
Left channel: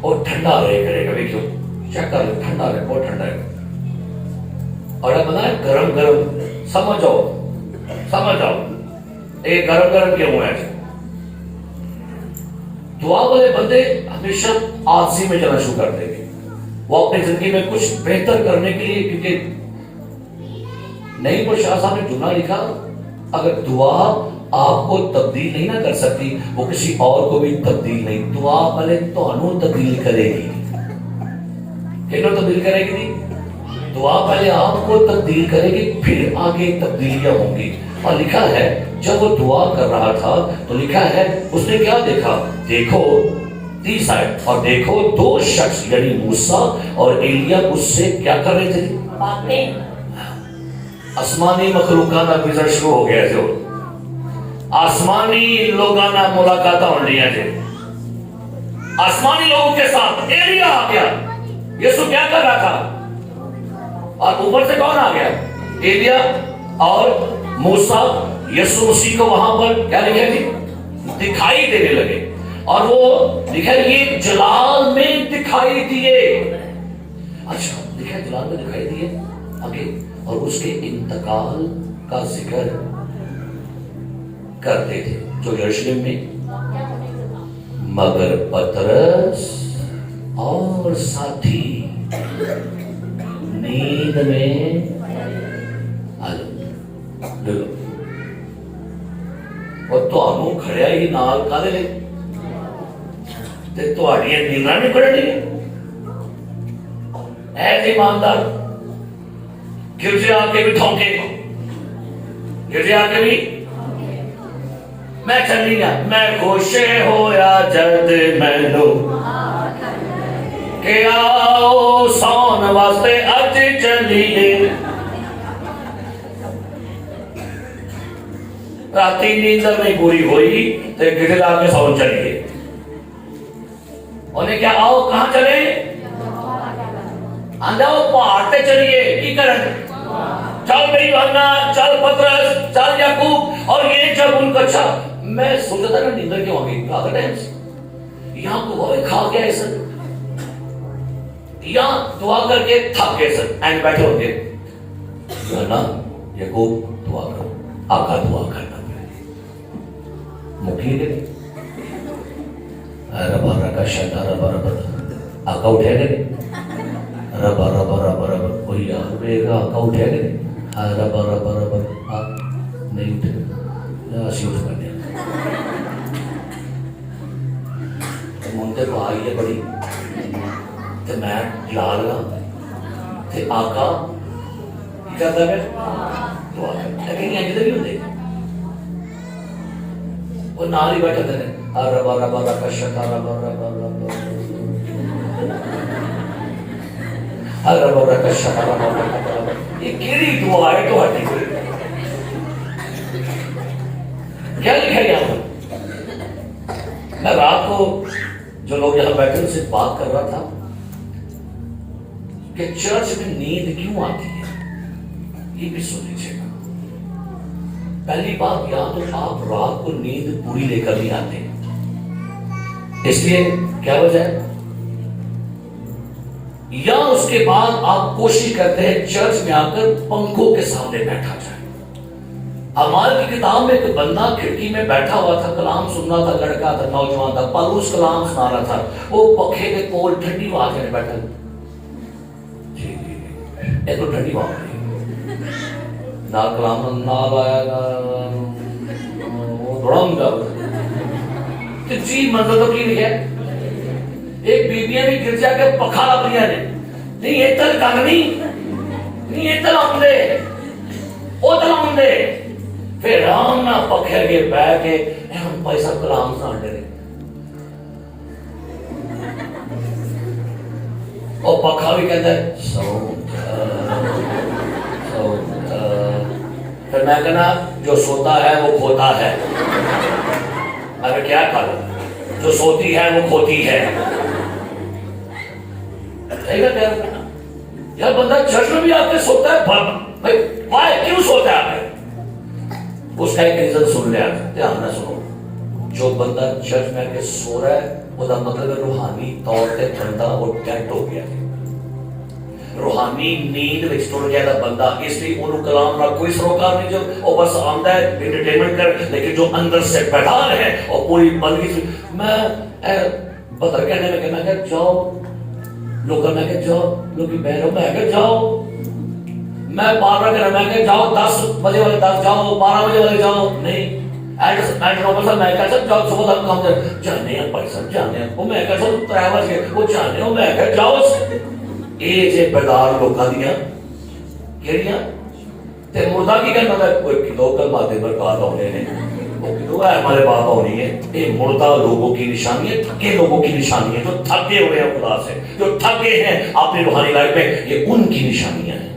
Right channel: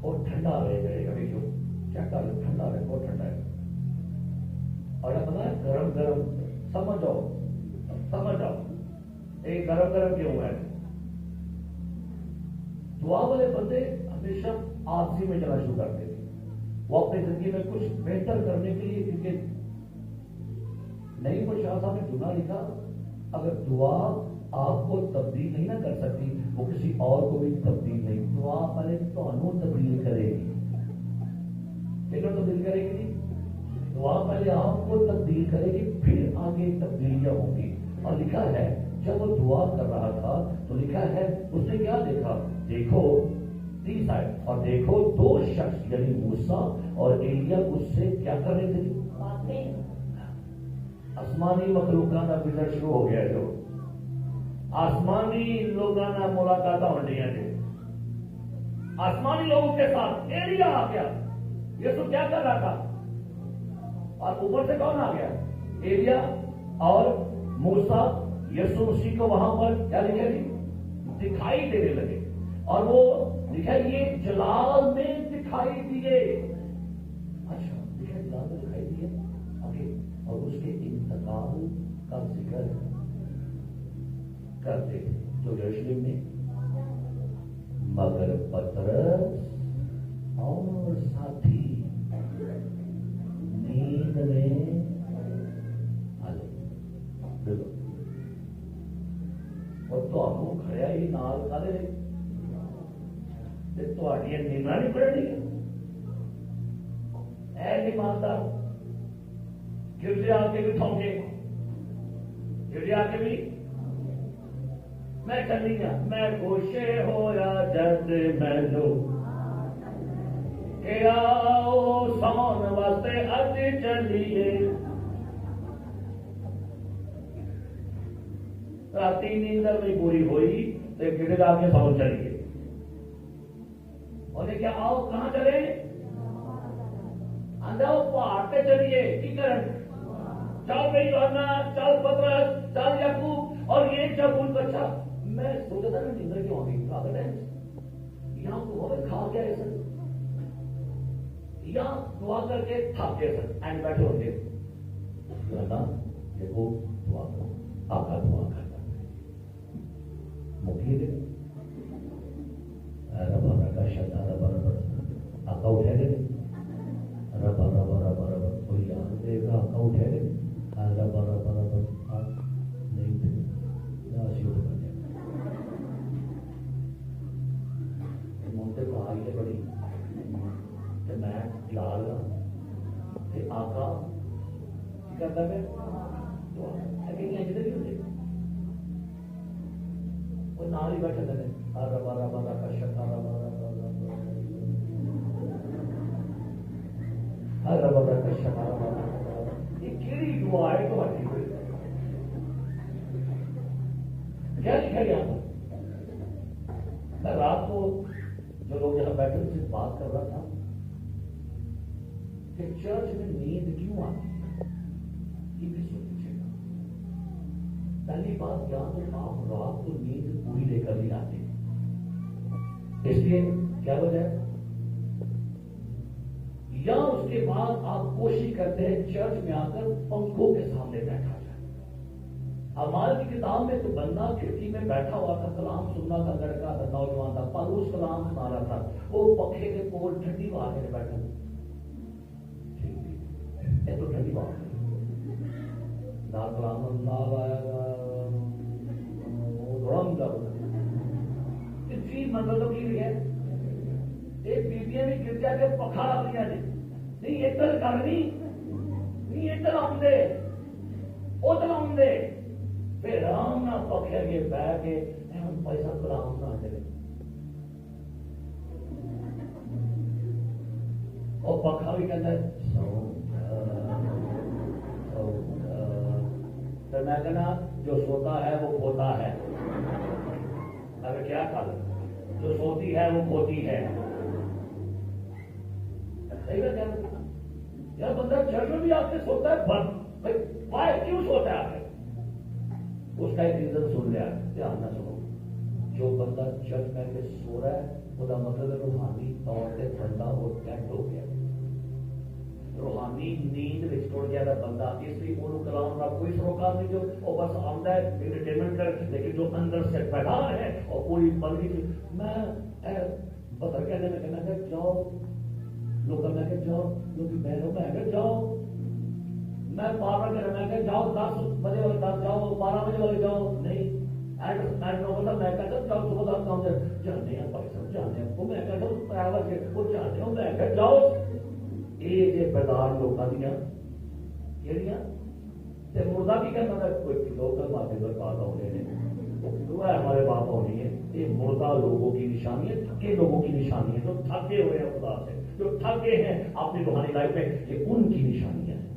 اور ٹھنڈا رہے کرے کبھی، کیوں چیک کر لیں، ٹھنڈا رہے، بہت ٹھنڈا ہے۔ اور اب بنا گرم گرم، سمجھ جاؤ یہ گرم گرم کیوں ہے؟ دعا والے بندے ہمیشہ آلسی میں جانا شروع کر دیں گے، وہ اپنی زندگی میں کچھ بہتر کرنے کے لیے، کیونکہ نہیں پر شاہ صاحب نے جملہ لکھا، اگر دعا آپ کو تبدیل نہیں نہ کر سکتی، وہ کسی اور کو بھی تبدیل نہیں۔ دعا پہلے تانوں تبدیل کرے گی، کہنوں تبدیل کرے گی؟ دعا پہلے آپ کو تبدیل کرے گی، پھر آگے تبدیلیاں ہوں گی۔ اور لکھا ہے جب وہ دعا کر رہا تھا تو لکھا ہے اس نے کیا دیکھا؟ دیکھو 30 آیت، اور دیکھو دو شخص یعنی موسیٰ اور ایلیا اس سے کیا کر رہے تھے؟ باتیں۔ آسمانی مخلوقانہ وزٹ شروع ہو گیا جو آسمانی لوگانہ ملاقاتہ ہو رہی ہیں، آسمانی لوگوں کے ساتھ ایلیا آ گیا۔ یسوع کیا کر رہا تھا؟ اور اوپر سے کون آ گیا؟ ایلیا اور موسیٰ یسوع مسیح کو وہاں پر کیا لکھے گی؟ دکھائی دینے لگے، اور وہ لکھے یہ جلال میں دکھائی دیے۔ اچھا لکھے جلال میں دکھائی دیے آگے، اور اس کے انتقال کا ذکر کرتے تھے جو یروشلم میں، مگر پطرس اور ساتھی نیند میں اور تانوں کھڑیا ہی نال کالے لے تے تہاڈیاں نینداں نہیں کھڑنی۔ اے ایماندار گرجے آ کے بھی ٹھونکے، گرجے آ کے بھی میں چلی گا، میں خوش ہویا جد مینوں کہ آؤ سون واسطے اج چلیے۔ راتی نیندر نہیں پوری ہوئی تو گرجے آ کے سون چلیے۔ انہیں کیا آؤ کہاں چلے؟ آندھاؤ پہاڑ پہ چلیے، کی کرن؟ چل بھئی یوحنا، چل پطرس، چل یعقوب۔ اور یہ جب ان کو اچھا میں سوچتا تھا نا نیندر کیوں آ گئی آدھا ٹائم سے، یہاں کو وہ کھا گیا ہے سر، یہاں دعا کر کے تھک گئے سر، اینڈ بیٹھے ہوتے یوحنا یعقوب دعا کرو، آقا دعا کرنا مکھی گئے ربا رکا شادا ربا ربا آقا اٹھے گئے ربا ربا ربا ربا کوئی یار بیگا آقا اٹھے گئے ربا ربا ربا نہیں اٹھے اسی اٹھ کر دیا منتے کو آئی ہے بڑی تو میں جلا لگا تو آقا کی کرتا ہے دعا کرتا لیکن یہ جدھر بھی ہوتے وہ نال ہی بیٹھا تھے ربا ربا رکا شتا ربا ربا ربا ربا رکا شتا ربا ربا یہ کیڑی دعا ہے تو ہٹی ہوئی کیا لکھا یہاں؟ میں رات کو جو لوگ یہاں بیٹھے ان سے بات کر رہا تھا کہ چرچ میں نیند کیوں آتی ہے، یہ بھی سن لیجیے گا۔ پہلی بات یا تو آپ رات کو نیند پوری لے کر نہیں آتے، اس لیے کیا وجہ ہے، یا اس کے بعد آپ کوشش کرتے ہیں چرچ میں آ کر پنکھوں کے سامنے بیٹھا جائے۔ اعمال کی کتاب میں ایک بندہ کھڑکی میں بیٹھا ہوا تھا، کلام سن رہا تھا، لڑکا تھا، نوجوان تھا، پالوس کلام سنا رہا تھا، وہ پنکھے کے کول ٹھنڈی ہوا کے بیٹھا یہ تو ٹھنڈی ہوا نہ کلام نہ لایا دڑم گا کہ جی منظر تو کی نہیں ہے۔ ایک بیبیاں بھی گرجا کے پکھا اپنیاں نے نہیں یہ تل کانگنی نہیں یہ تل آمدے او تل آمدے پھر رام نہ پکھے کے بے کے ہم پیسہ کلام سانٹے رہے اور پکھا بھی کہتا ہے پھر میں کہنا جو سوتا ہے وہ کھوتا ہے۔ ابے کیا کھانا جو سوتی ہے وہ کھوتی ہے. یار بندہ چرچ میں بھی آ کے سوتا ہے بھائی وائے کیوں سوتا ہے آپ نے؟ اس کا ایک ریزن سن لیا دھیان نہ سنو. جو بندہ چرچ میں آ کے سو رہا ہے وہ دا مطلب ہے روحانی طور پہ بندہ وہ ڈیڈ ہو گیا ہے. روحانی نیند وچ ٹر گیا دا بندہ. اس لیے انہوں کلام نہ کوئی سروکار نہیں جو وہ بس آندا ہے انٹرٹینمنٹ کر, لیکن جو اندر سے بیدار ہے اور پوری بندگی سے. میں بدر کہنے میں کہنا کہ جاؤ لوگ میں کہ جاؤ لوگ بہرو میں کہ جاؤ. میں بار بار کہنا میں کہ جاؤ 10 بجے والے 10 جاؤ 12 بجے والے جاؤ. نہیں میں کہتا جاؤ صبح تک کام جانے ہیں بھائی صاحب جانے ہیں. وہ میں کہتا 3 بجے وہ جانے ہو میں کہ جاؤ. یہ جے بیدار لوگوں دیا کہڑیاں تے مردہ کی کہنا ہے کوئی کلو کل ماتے برکات ہونے ہیں وہ کلو ہے ہمارے باپ ہونی ہے. یہ مردہ لوگوں کی نشانی ہے, تھکے لوگوں کی نشانی ہے, جو تھکے ہوئے ہیں خدا سے, جو تھکے ہیں اپنی روحانی لائف میں, یہ ان کی نشانیاں ہیں.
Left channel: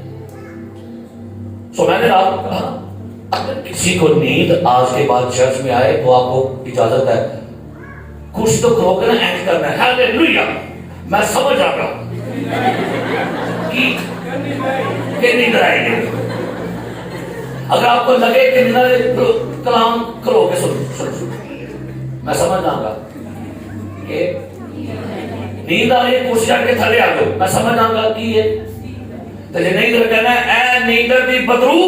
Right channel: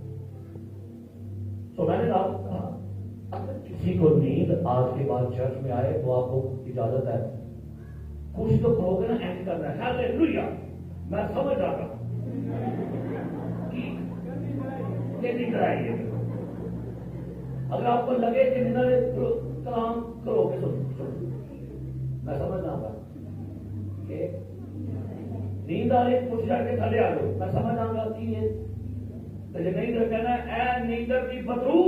سو میں نے رات کہا اگر کسی کو نیند آج کے بعد چرچ میں آئے تو آپ کو اجازت ہے کچھ تو کھلو کے نا اینڈ کرنا ہے. ہاللیلویا. میں سمجھ آ رہا کہ نیند آئے گی. اگر آپ کو لگے کہ کلام کرو گے سن میں سمجھ آؤں گا کہ نیند آ رہی ہے کرسی کے تھلے آ جاؤ. میں سمجھ آؤں گا کہ یہ تو جی نہیں تو کہنا ہے اے نیندر دی بدرو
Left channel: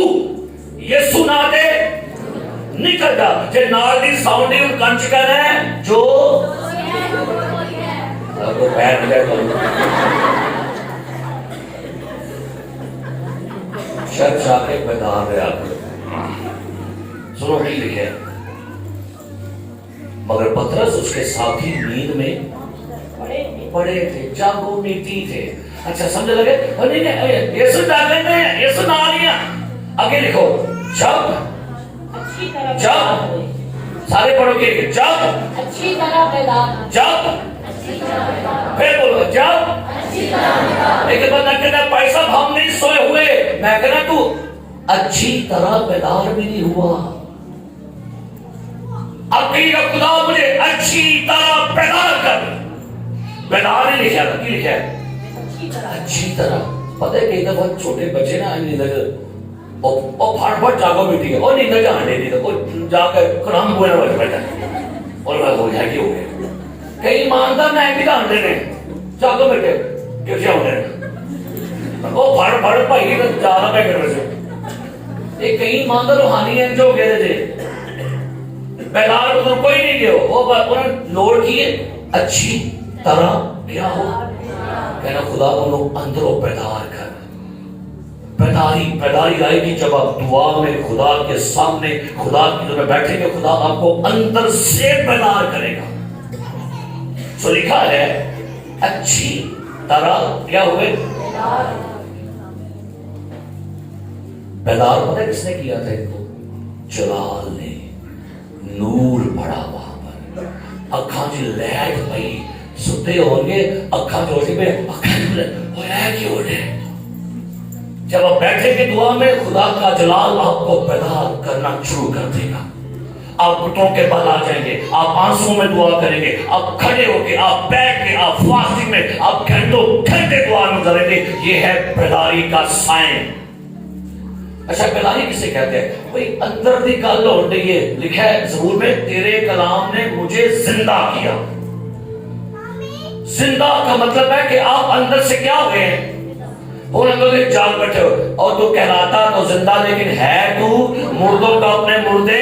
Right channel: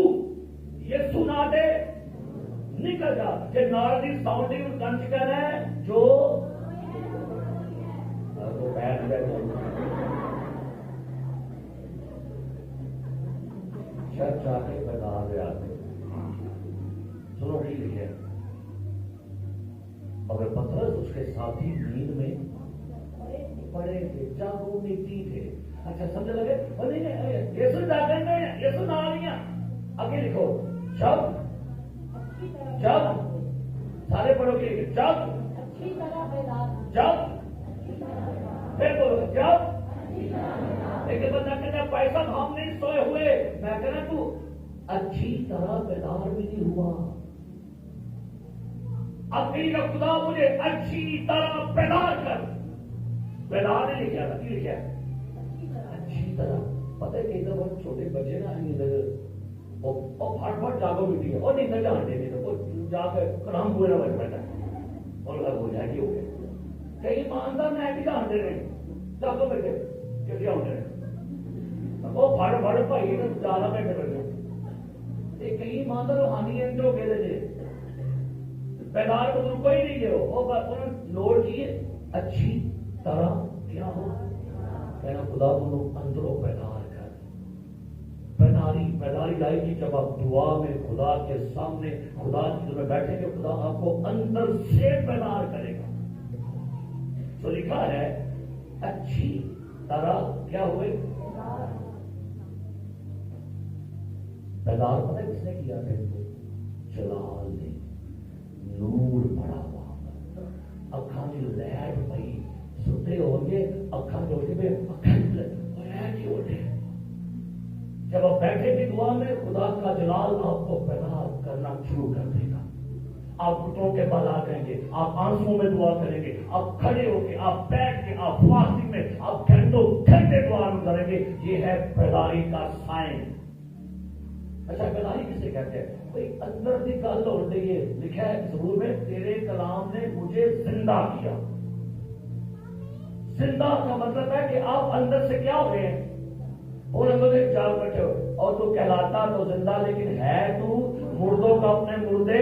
یہ سنا دے نکل جا. جی نال دی ساؤنڈ دی کنچ کہنا ہے جو پیر ملے چرچ آ کے بیدار رہا کرو. سنو نہیں لکھے مگر پترس اس کے ساتھی نیند میں پڑے تھے, جاگو نیتی تھے. اچھا سمجھ لگے نہیں یسو جاگے میں یسو نہ لیا. آگے لکھو جب سارے پڑھو گے جب اچھی طرح بیدار, جب پھر بولو جب. لیکن بندہ کہتا ہے بھائی صاحب ہم نہیں سوئے ہوئے. میں کہنا تو اچھی طرح بیدار بھی نہیں ہوا. اب کہیں کہ خدا مجھے اچھی طرح بیدار کر. بیدار نہیں لکھا تھا, کی لکھا ہے اچھی طرح. پتہ ہے کئی دفعہ چھوٹے بچے نا نیندر اور پھاٹ پھاٹ جاگو بیٹھی ہے اور نیندر جانے نہیں تھا وہ جا کر کلام بولنا بچ بیٹھا اور میں ہو جائے کہ ہو گیا. کئی ایماندار میں بھی جانتے ہیں جاگو بیٹھے کیسے ہونے وہ پھاڑ پھاڑ بھائی جانا پہ کر رہے. ایک کئی ایماندار روحانی ہیں جو کہتے تھے بیدار کو کوئی نہیں گیا. وہ انہوں نے لوڑ کی اچھی طرح کیا ہو کہنا خدا انہوں اندروں بیدار کر. بیداری آئے گی جب آپ دعا میں خدا کے سامنے خدا کی طرف بیٹھیں گے. خدا آپ کو اندر سے بیدار کرے گا. سو لکھا ہے اچھی طرح کیا ہوئے بیدار. پتہ کس نے کیا تھا ان کو؟ جلال نے. نور پڑا وہاں پر. اکھاں جی لائٹ پئی ستے ہوں گے اکھاں جوڑی پہ اکھاں جی وہ ہے کیوں ہے. جب آپ بیٹھیں گے دعا میں خدا کا جلال آپ کو بیدار کرنا شروع کر دے گا. آپ گھٹنوں کے بل آ جائیں گے, آپ آنسوں میں دعا کریں گے, آپ کھڑے ہو کے, آپ بیٹھ کے, آپ فاسٹنگ میں, آپ گھنٹوں گھنٹے دعا میں کریں گے. یہ ہے بیداری کا سائن. اچھا بیداری کسے کہتے ہیں؟ بھئی اندر دی گل ہو رہی ہے. لکھا ہے زبور میں تیرے کلام نے مجھے زندہ کیا. زندہ کا مطلب ہے کہ آپ اندر سے کیا ہو گئے ہیں؟ اور اندر سے جاگ بیٹھے ہو اور تو کہلاتا تو زندہ لیکن ہے تو مردوں کا اپنے مردے.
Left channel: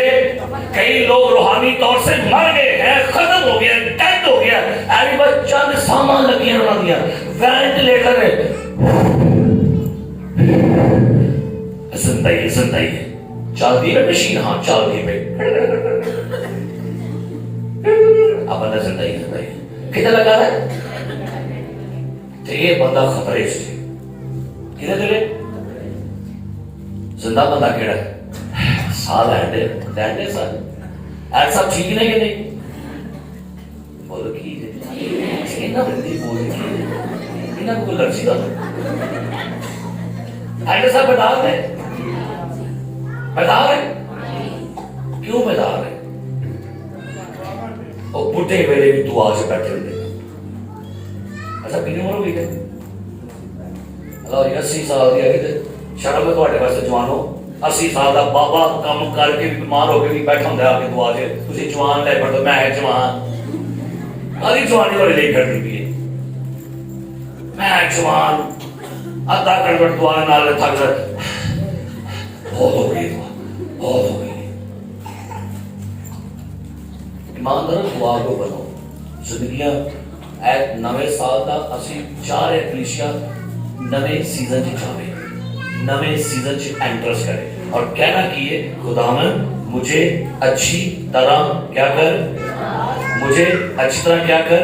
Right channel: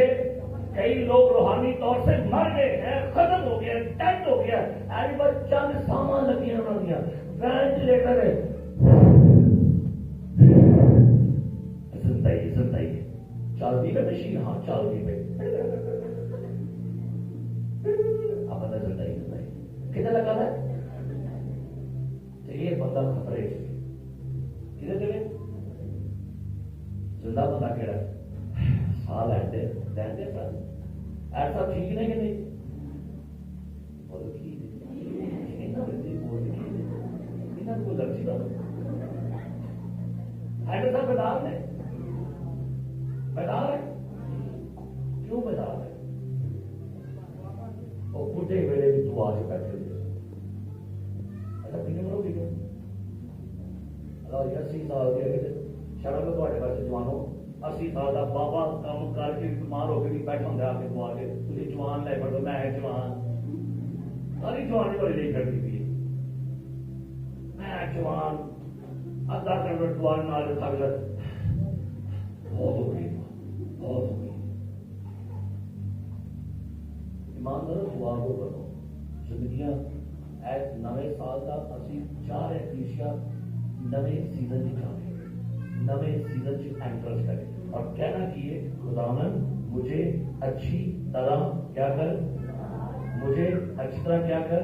کئی لوگ روحانی طور سے مر گئے ہیں, ختم ہو گیا, ڈیڈ ہو گیا. ایوی بس چند سامان لگی ہیں انہوں نے دیا وینٹیلیٹر ہے. زندہ ہی زندہ ہی چل دی ہے مشین. ہاں چل دی پہ اب اندر زندہ ہی زندہ ہی کتنے لگا رہا ہے. تو یہ بندہ خطرے سے کتنے دلے زندہ بندہ کیڑا ہے سال لینڈے سال ایک سب ٹھیک نہیں کہ نہیں بولو کی اینا بندی بولے کی اینا کو لرچی دا ایڈے صاحب بیدار ہے بیدار ہے کیوں بیدار ہے وہ بڈھے ویلے بھی دعا سے بیٹھے ہوتے. اچھا کتنی عمر ہو گئی ہے؟ اللہ 80 سال کی ہے. شرم ہے تھوڑے واسطے جوانو. 80 سال کا بابا کام کر کے بھی بیمار ہو کے بھی بیٹھا ہوں آ کے دعا سے. تھی جوان لے پڑھو. میں جوان ساری جوانی والے لے کرتی بھی ہے. میں جوان ادھا گھنٹہ دعا نال تھک کر بہت ہو گئی دعا بہت ہو گئی. ایماندار دعا کو بنو. زندگیاں ایک نوے سال کا اسی چاہ رہے کلیشیا نوے سیزن چ جاوے نوے سیزن چ انٹرس کرے اور کہنا کیے خداوند مجھے اچھی طرح کیا کر مجھے اچھی طرح کیا کر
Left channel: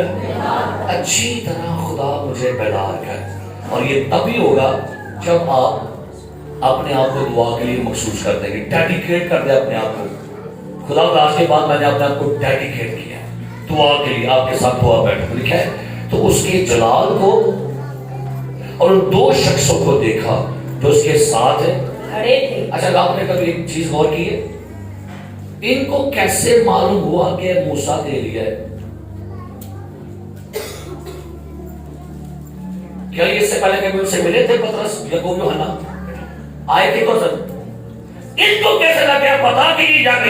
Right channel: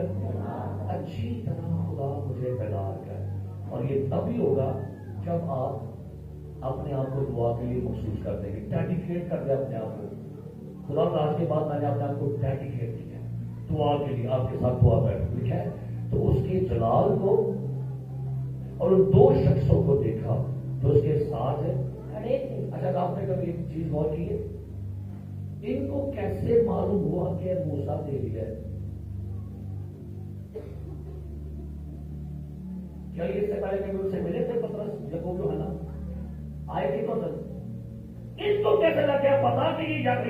اچھی طرح خدا مجھے بیدار کر. اور یہ تبھی ہوگا جب آپ اپنے آپ کو دعا کے لیے مخصوص کر دیں گے. ڈیڈیکیٹ کر دیں اپنے آپ کو. خدا آج کے بعد میں نے اپنے آپ کو ڈیڈیکیٹ کیا دعا کے لیے. آپ کے ساتھ دعا بیٹھ لکھا ہے. تو اس کے جلال کو اور ان دو شخصوں کو دیکھا جو اس کے ساتھ ہے کھڑے تھے. اچھا آپ نے کبھی ایک چیز غور کی ہے ان کو کیسے معلوم ہوا کہ موسیٰ ایلیا ہے؟ کیا یہ اس سے پہلے کبھی ان سے ملے تھے پطرس یعقوب یوحنا آئے تھے تو سر ان کو کیسے لگا پتا کہ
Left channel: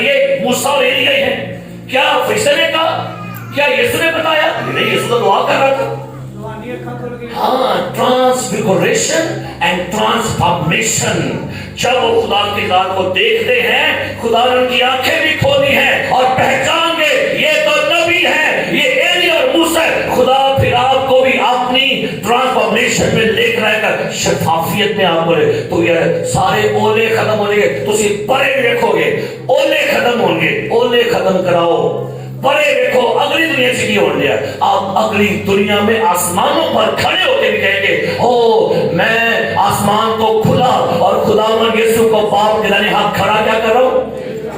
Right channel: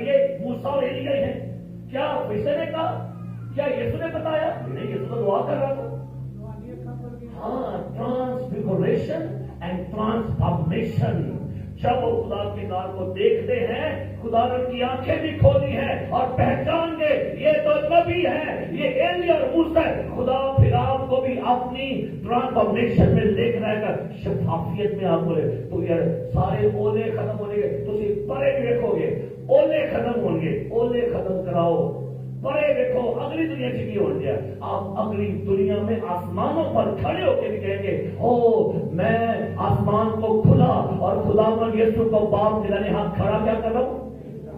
یہ موسیٰ اور ایلیا ہی ہے؟ کیا فرشتے نے کہا؟ کیا یسوع نے بتایا؟ نہیں یسوع تو دعا کر رہا تھا. ہاں ٹرانسفیگوریشن اینڈ ٹرانسفارمیشن. جب وہ خدا کی ذات کو دیکھتے ہیں خدا نے ان کی آنکھیں بھی کھولی ہیں اور پہچان گئے یہ تو نبی ہے یہ ایلیا اور موسیٰ. خدا پھر آپ کو بھی اپنی ٹرانسفارمیشن میں لے کر آئے گا شفافیت میں آپ کو لے. تو یہ سارے اولے ختم ہو گے تو اسی بڑے دیکھو گے اولے ختم ہوں گے. اولے ختم کراؤ بڑے دیکھو اگلی دنیا سے کی ہو گیا. آپ اگلی دنیا میں آسمانوں پر کھڑے ہو کے بھی کہیں گے او میں آسمان کو کھلا اور خداوند یسوع کو باپ کے دانے ہاتھ کھڑا کیا کرو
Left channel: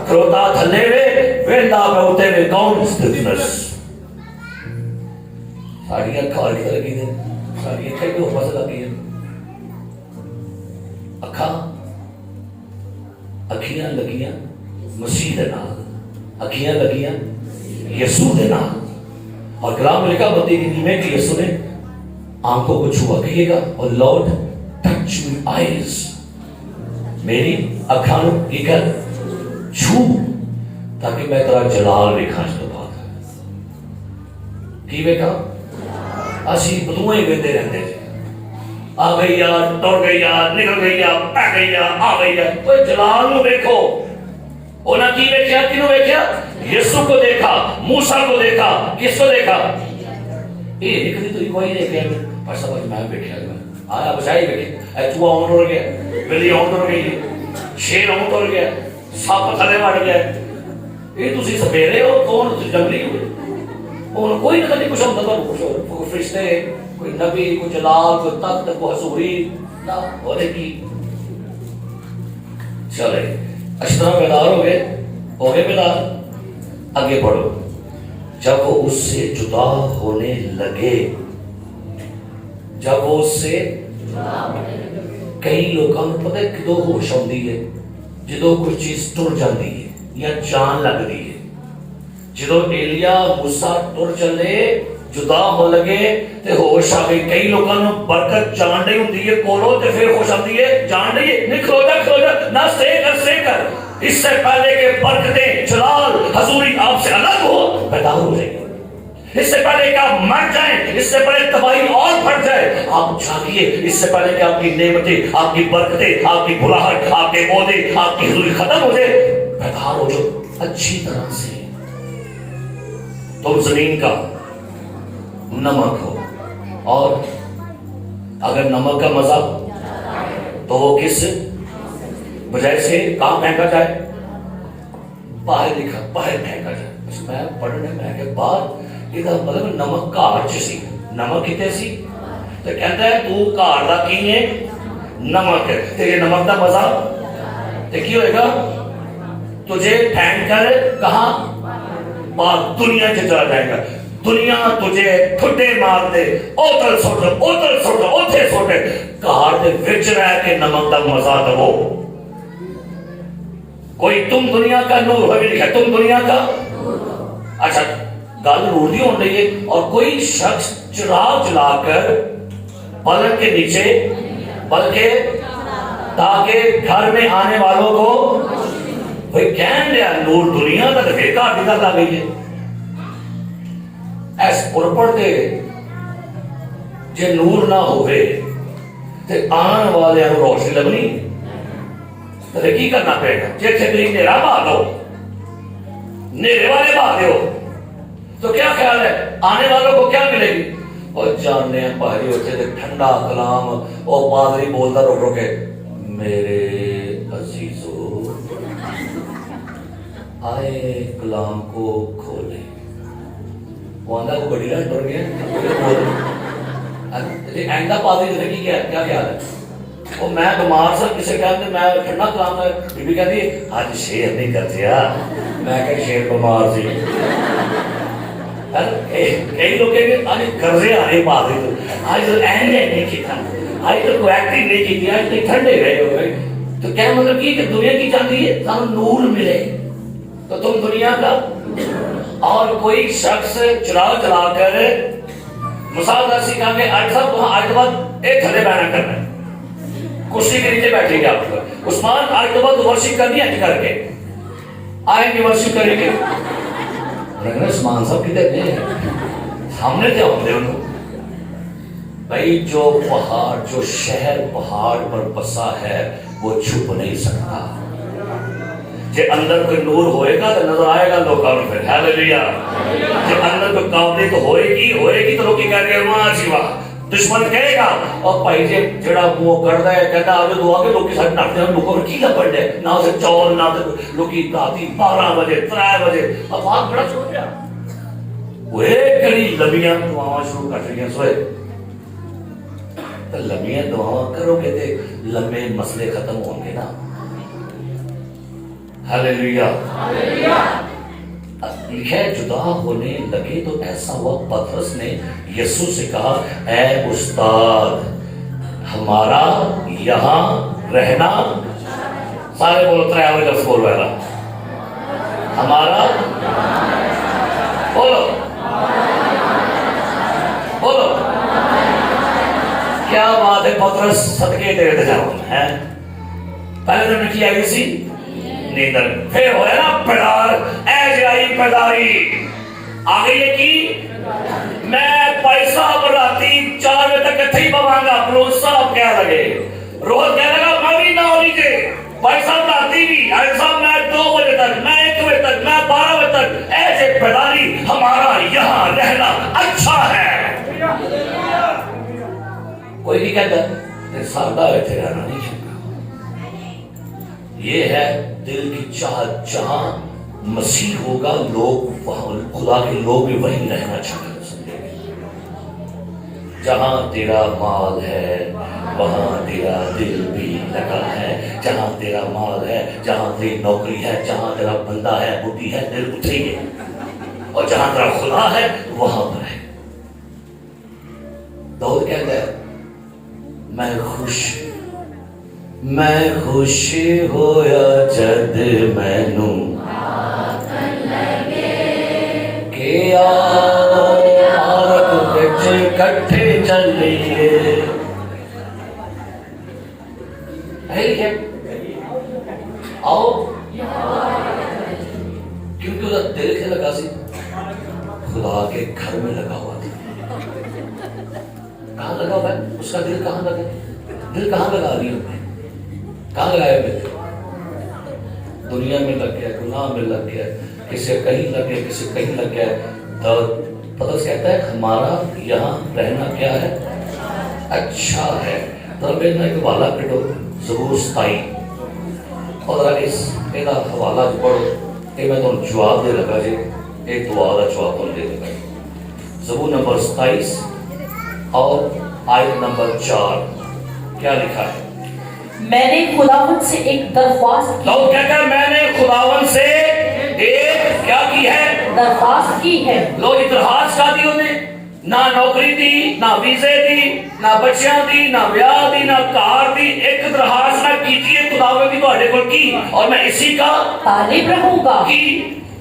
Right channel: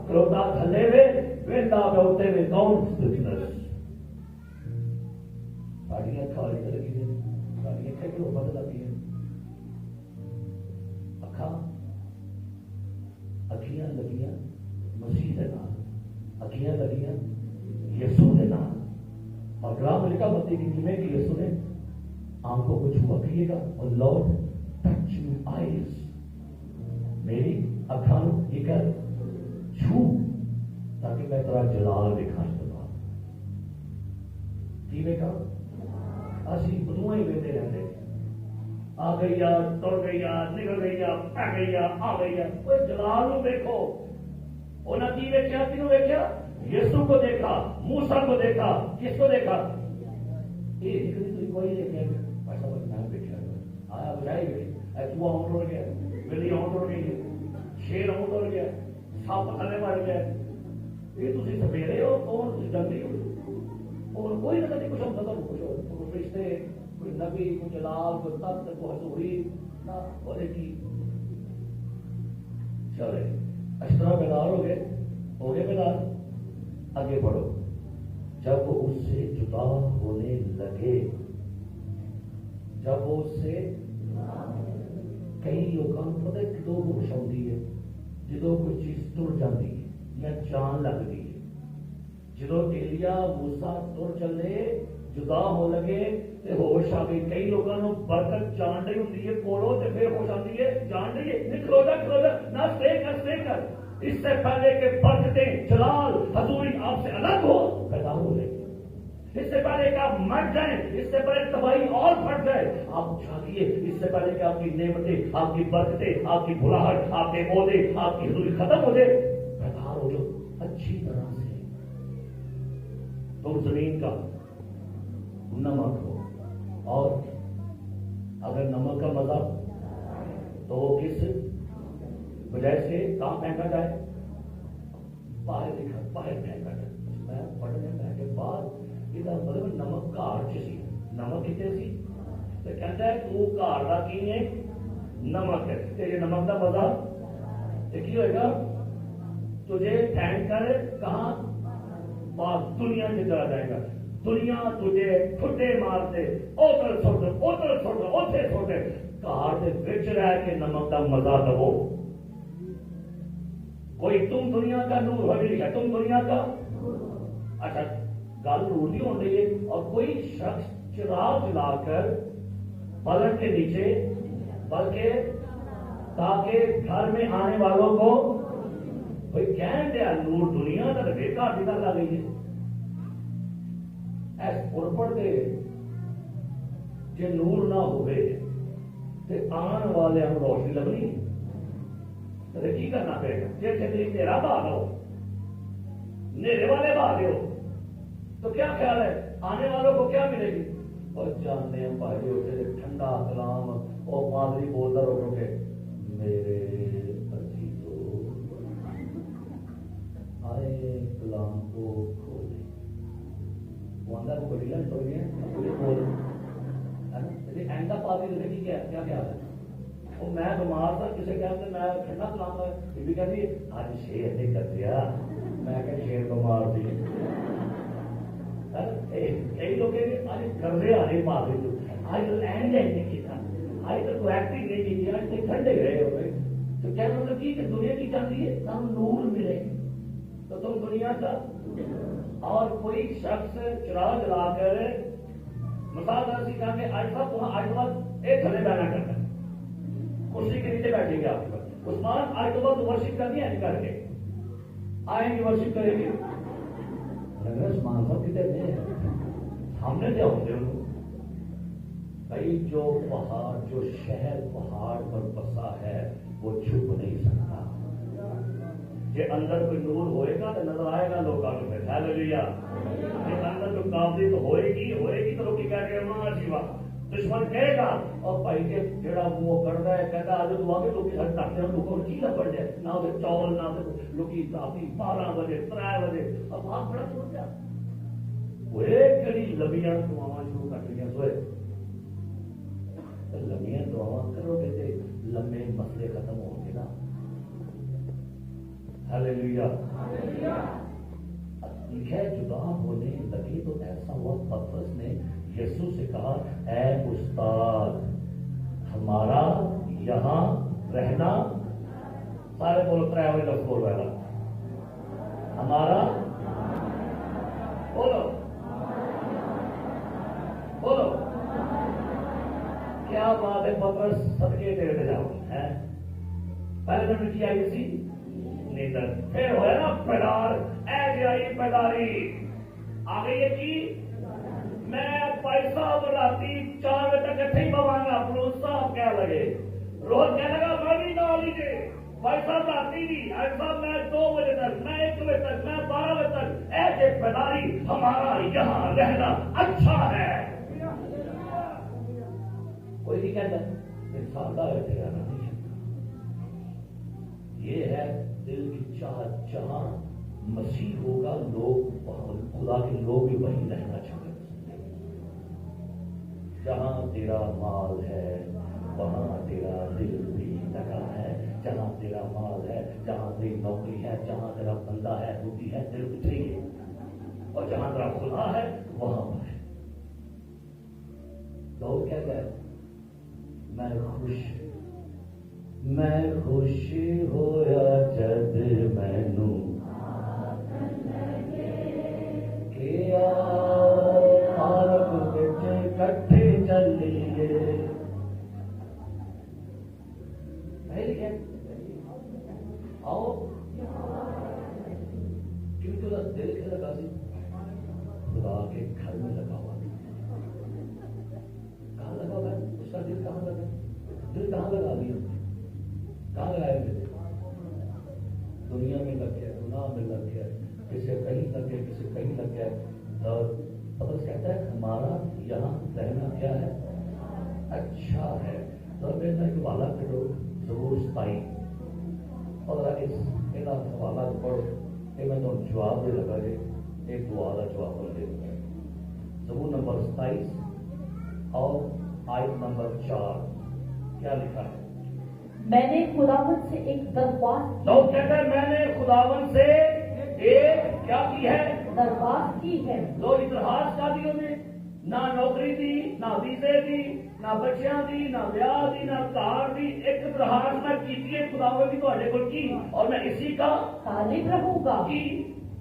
کروتا تھلے ہوئے ویندا پہ ہوتے ہوئے کون بزنس ساڑیاں کھا کی لگی دیں ساڑیاں کھا کے اوپر سے لگی ہیں اکھیاں لگیاں مسیح دے نال اکھیاں لگیاں یسوع دے نام. اور کلام میں لکھا بندی کی میں کہ یسوع نے آنکھوں کو چھوا کہیے گا اور لارڈ ٹچ می آئیز میری اکھاں کی کر چھو تاکہ میں تیرا جلال دیکھاں. اس تو بات کی ویکھا اسی بدوئیں ویندے رہندے تھے آ گئی یار ٹر گئی یار نکل گئی یار پہ گئی یار آ گئی یار. کوئی جلال نو دیکھو انہاں کی ویکھیا کنوں ویکھیا یسوع کو دیکھا موسیٰ کو دیکھا کس کو دیکھا یہ ایک دی تو کوئی نہیں کہے پر سب میں بیٹھا آیا بچائی بیٹھے اے چوہا اون ٹر گیا بلی اون ٹر گئی شیر اون ٹر گیا سپ تھلے وڑ گیا. یہ تسی سپیرے ہو کون تسی جنگلی ہو اور کوئی نہ کچھ ہوتا تو کچھ فرشتے کوئی نبی کوئی جلال کوئی تخت کوئی حضوری نہ ہونے کی. چلے اچھی طرح بیدار ہو گئے بیدار. آگے بڑھو. جب وہ اس سے جدا ہونے لگے جب وہ اس سے کئی لوگوں کو پتہ ہے کدو ہوش آتی ہے جدو کوئی چیز ٹر جاتی ہے یا جان لگتی ہے. جدو ایلیا موسیٰ ٹر چلے جدا ہو لگے تے ہوش آ گئی. کئی لوگوں نے برکت جان نہیں ہوتی ہے کولو تے پھر ہوش آتی ہے جان نہیں ہے. نہیں کھلو جا نہ سے کر اس سے پہلے کہ برکتیں جلال حضوری آپ سے الگ ہو پیدا ہو جائے گی. اس سے پہلے کہ آپ مر جائیں اس سے پہلے تباہی اور پھٹ جائے آپ جاگیے. اس سے پہلے کہ آپ کی نعمتیں آپ کی برکتیں آپ کی بلاہٹ آپ کے عہدے آپ کی حضوری ختم ہو جائے بیدار ہو جو اچھی طرح سے. تم زمین کا نمک ہو اور اگر نمک کا مزہ تو وہ کس بجائے سے کام پھینکا جائے باہر لکھا باہر پھینکا جائے. میں پڑھنے میں کہ باہر یہ مطلب نمک کار سی نمک کتنے سی تو کہتا ہے تو کار دا کی ہے نمک ہے تیرے نمک دا مزہ تو کی ہوئے گا تجھے پھینک کر کہاں باہر دنیا سے چلا جائے گا. دنیا تجھے ٹھڈے مار دے اوتل سوٹ اوتھے سوٹے کار دے وچ رہ کے نمک دا مزہ دو. کوئی تم دنیا کا نور ہوگی لکھا تم دنیا کا اچھا گل نور دی ہون رہی ہے. اور کوئی شخص چراغ جلا کر پلنگ کے نیچے بلکہ تاکہ گھر میں آنے والوں کو بھئی کہن لیا نور دنیا کا دکھے گھر دی گل آ گئی ہے. ایس پرپڑ دے جے نور نہ ہوئے تے آن والے انو روشنی لگنی تے کی کرنا پڑے گا. جے چھگری نیرا بھا دو نیرے والے بھا دیو تو کیا خیال ہے آنے والوں کو کیا ملے گی. اور جاننے ہیں پہلی ہوتے تھے ٹھنڈا کلام اور پادری بولتا رو رو کے میرے عزیزو آئے کلام کو کھولے. وہ آندھا کو بڑی لائن ڈر گیا اینڈا پادری نے کیا خیال ہے. وہ میں بیمار سا کسی کہتے میں ٹھنڈا کلام ہے بی بی کہتی آج شیر نہیں کرتے میں کہ شیر بیمار سی. کئی لوگ کہیں گے آج قرضے آ رہے پادری تو آج تو اینڈ نہیں کیتا آج تو کوئی ایکٹنگ نہیں کی آج تو ٹھنڈے گئے ہو گئے. تو کیا مطلب کہ دنیا کی چاہتی ہے سانو نور ملے تو تم دنیا کا. اور کوئی شخص چراغ جلا کر مثال در سکھا کے آج صاحب وہاں آج بعد ایک تھلے بیانہ کرنا ہے کرسی کے نیچے بیٹھیں گے آپ پر عثمان آج کے بعد ورشپ کرنی ہے کر کے آئیں گے ورشپ کریں گے. عثمان صاحب کدھر نہیں سامنے تھے ہم نے انہوں بھائی جو پہاڑ جو شہر پہاڑ پر بسا ہے وہ چھپ نہیں سکتا. جے اندر کوئی نور ہوئے گا تو نظر آئے گا لوگوں میں پھر ہیلیلویا. جے اندر کوئی کاولی تو ہوئے گی تو لوگ کی کہہ گے ماں جیوا دشمن کہے گا. اور بھائی جے جڑا وہ کردا ہے کہتا آج دعا کے لوگ ساتھ ناٹتے ہیں لوگوں کی لپڑ دے نہ اسے چول نہ لوگ کی راتی 12 بجے 3 بجے اب آگ بڑا چھوڑ گیا وہ ایک کڑی لمبیاں دعاواں شروع کر رہی ہیں سوئے تو لمبیاں دعاواں کرو گے تے لمبے مسئلے ختم ہوں گے نا. ہلیلویا. لکھا ہے جدا ہونے لگے تو ایسا ہوا پترس نے یسوع سے کہا اے استاد ہمارا یہاں رہنا سارے بولو 3 آوے لفظ بول رہا ہمارا بولو بولو کیا بات ہے. پترس صدقے دے رہے تھے پہلے تو نے کیا کسی نیندر پھر ہوئے نا پیدار اے جائی پیداری آگئی ہے کی میں پیسہ براتی 4 بجے تک کتھے ہی بوانگا پروس صاحب کیا لگے روز کیا لگا میں بھی نہ ہو لیجے پیسہ براتی بھی ایسا میں 2 بجے تک میں 1 بجے تک میں 12 بجے تک ایسے پیداری ہمارا یہاں رہنا اچھا ہے. کوئی نہیں کہتا سادہ ایتھے رہنا نہیں چاہتا. یہ ہے دل کی چاہت جہاں مسیح ہوگا لوگ خدا کے لوگ بھی وہیں رہنا چاہتے ہیں. جہاں تیرا مال ہے وہاں تیرا دل بھی لگا ہے. جہاں تیرا مال ہے جہاں تیری نوکری ہے جہاں تیرا بندہ ہے بوٹی ہے دل اترے گے. اور جہاں تیرا خدا ہے وہاں پر ہے. داؤد کہتا ہے میں خوش ہویا جد مینوں کہ آگ وچ کٹھے چلیے. آؤ کیونکہ اس کا دل کیا لگا سی خدا کے گھر میں لگا ہوا تھا. کہاں لگا ہوا ہے اس کا دل کہاں لگا دل کہاں لگا رہی ہے کہاں لگایا پھر دنیا میں لگ گیا گناہ میں لگ گیا کسی کہیں لگ گیا کسی کہیں لگ گیا. تو پترس کہتا ہے ہمارا یہاں رہنا کیا ہے اچھا ہے. تو میرے ایک حوالہ پڑھو زبور 27 اور اس کا حوالہ پڑھو کہ میں تمہیں جواب دے لگا جی ایک دعا کا جواب تم دے لگا. زبور نمبر 27 اور آیت نمبر 4 کیا لکھا ہے. میں نے خداوند سے ایک درخواست کی. لوگ کہتے ہیں میں نے خداوند سے ایک کیا کی ہے درخواست کی ہے. لوگ درخواست کا دی انہیں نہ نوکری دی نہ ویزے دی نہ بچیاں دی نہ بیاہ دی نہ کار دی. ایک درخواست میں کی تھی خداوند کی تواڈے کول کی اور میں اسی کا طالب رہوں گا کی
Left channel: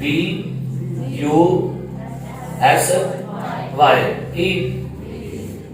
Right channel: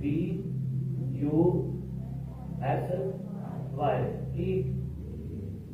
BUSY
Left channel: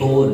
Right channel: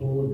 2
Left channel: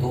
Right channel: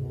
2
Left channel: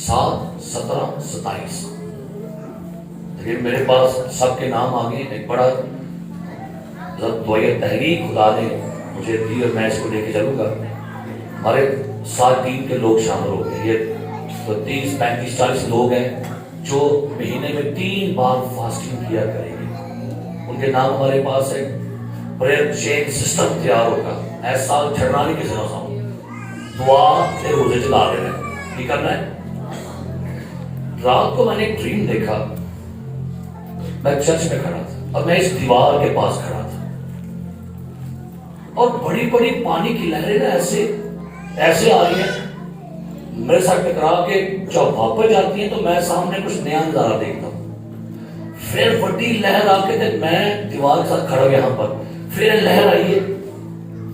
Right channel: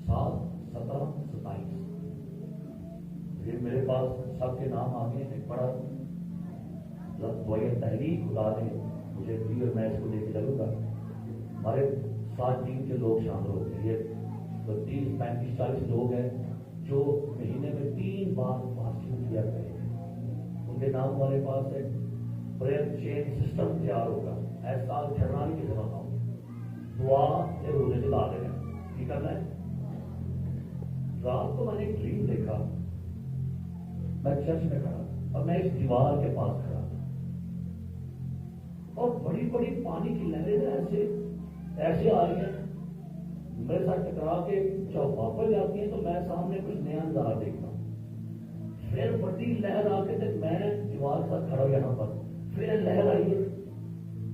7, 17, 27. لیکن میرے پاس سب کے نام آگے ایک بڑا دعائے تحریک خدا نے مجھے دی اور میں اس کو لے کے چلوں گا. ہمارے 7 ٹیم کے لوگ شامل ہو گئے. یہ 30, 35, 40 لوگ ہیں جو مہینے میں 3 بار فاسٹنگ کیا کریں گے. ان کے نام ہمارے پاس ہے. پریئر چین سسٹم تیار ہوگا. ایسا چھڑنا نہیں کسی نہ دعا سے روزے چلا دینا ہے. یہ کرنا ہے. رات کو میں نے ایک ڈریم دیکھا. میں چرچ میں کھڑا تھا اور میں اس دیوار کے پاس کھڑا تھا اور بڑی بڑی پانی کی لہریں نا ایسے آ رہی ہیں میرے ساتھ ٹکرا کے جب واپس جاتی ہیں تو میں سامنے کچھ نیا نظارہ دیکھتا ہوں. پھر بڑی لہر آ کے میں دیوار کے ساتھ کھڑا ہوں یہاں پر. پھر لہر آئی ہے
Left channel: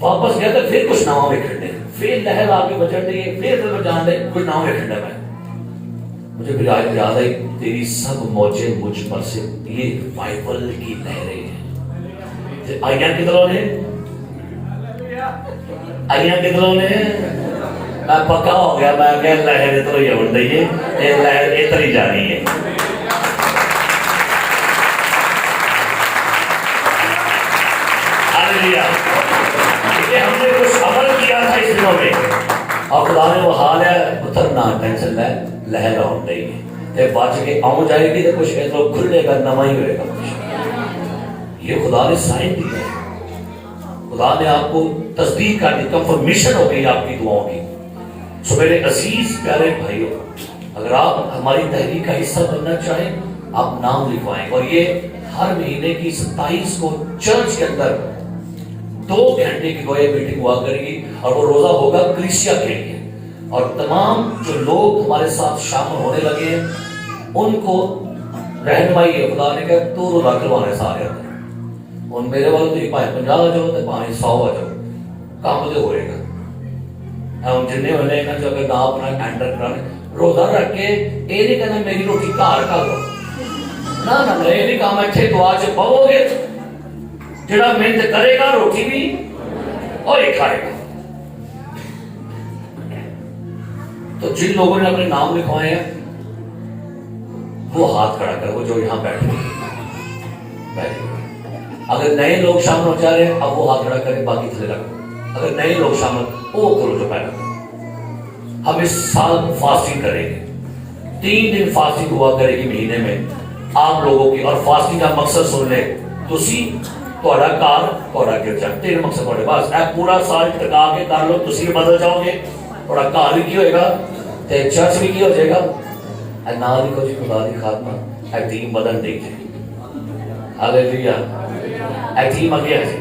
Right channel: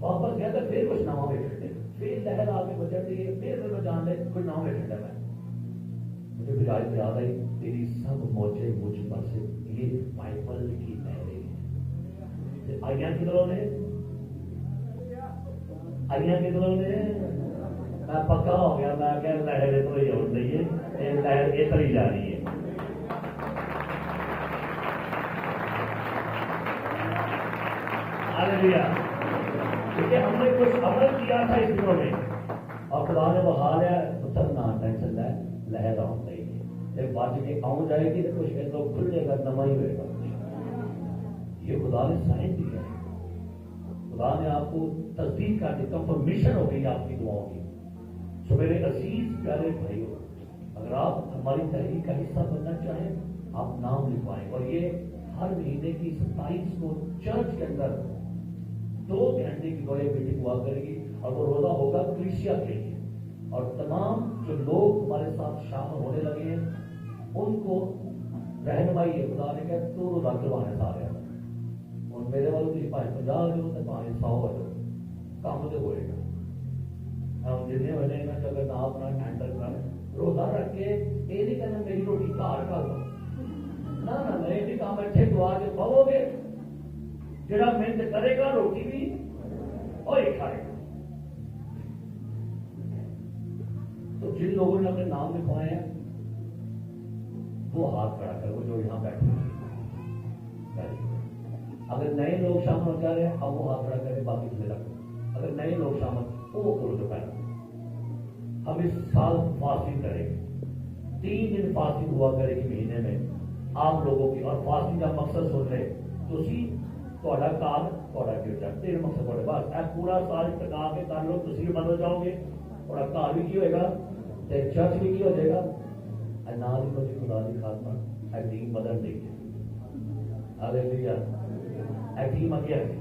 واپس گیا تو پھر کچھ ناؤں میں کھڑنے. پھر لہر آ کے بچڑ رہی ہے. پھر جان دے کچھ ناؤں میں کھڑنا. میں مجھے پھر آج یاد آئی تیری سب موجیں مجھ پر سے یہ بائبل کی لہریں ہیں. آئیاں کتنوں نے میں پکا ہو گیا. میں کہ لہر اتنا ہی بن رہی ہے. یہ لہر اتنی جانی ہے. ہم نے کچھ عمل کیا تھا اس دنوں میں اور خدا نے وہ حال ہے پتھر نہ ٹینشن لے لہر آن رہی ہے بچ کے آؤں جائے گی تو کچھ تو کھلے گا نما ہی ہوئے گا. یہ خدا نے سائن دیا ہے. خدا نے آپ کو تصدیق کر دی. کنفرمیشن ہو گئی آپ کی دعاؤں کی. سو میرے عزیز پیارے بھائیوں اگر آپ ہماری تحریک کا حصہ بننا چاہیں آپ نام لکھوائیں. اور یہ ہر مہینے کی 27 کو چرچ کے اندر 2 گھنٹے کی گویا میٹنگ ہوا کرے گی اور وہ روزہ ہوگا کلیسیا کے لیے. اور تمام جو لوگ ہمارے ساتھ شامل ہونے لگے ہیں ان کو رہنمائی ہے. خدا نے کہا تو روزہ کروانے سارے اندر ان میرے والوں تو 50 آ جاؤ تو 100 آ جاؤ کام تو ہوئے گا. ہم جنہیں ہونے کا جو اگر نہ اپنا اینڈر کرانے روزہ رکھ کے یہ نہیں کہنا میری روٹی گھر کر دو. نہ یہ نہیں کام اچھے دعا سے پاؤ گے. جڑا محنت کرے گا روٹی بھی اور یہ کھائے گا. تو جن لوگوں نے اپنے نام لکھوائے ہیں وہ ہاتھ کھڑا کر. وہ جو یہاں بیٹھے اگر نئے لوگ شامل ہو جا رہے ہیں اب وہ ہاتھ کھڑا کریں باقی تھلے رکھو. اگر نئے لوگ شامل وہ کرو جو پہلے. ہم اس سال فاسٹنگ کریں گے. 3 دن فاسٹنگ ہوا کرے گی مہینے میں آپ لوگوں کی. اور فاسٹنگ کا مقصد سن لے تسی تھوڑا کار تھوڑا گرجا 3 مقصد تھوڑے بس اے پورا سال ٹکا کے کر لو. تسی بھی بدل جاؤ گے. تھوڑا کار بھی کی ہوئے گا تے چرچ بھی کی ہو جائے گا. اے نہ لکھو جی خدا دی خاتمہ اے ٹیم بدل دے جائے. ہاللیلویا. اے ٹیم اگے ہے جی.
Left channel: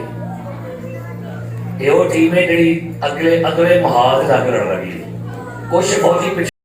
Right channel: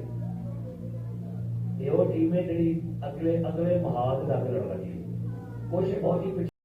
یہ وہ ٹیم ہے جڑی اگلے محاذ جا کے لڑ رہی ہے. کچھ فوجی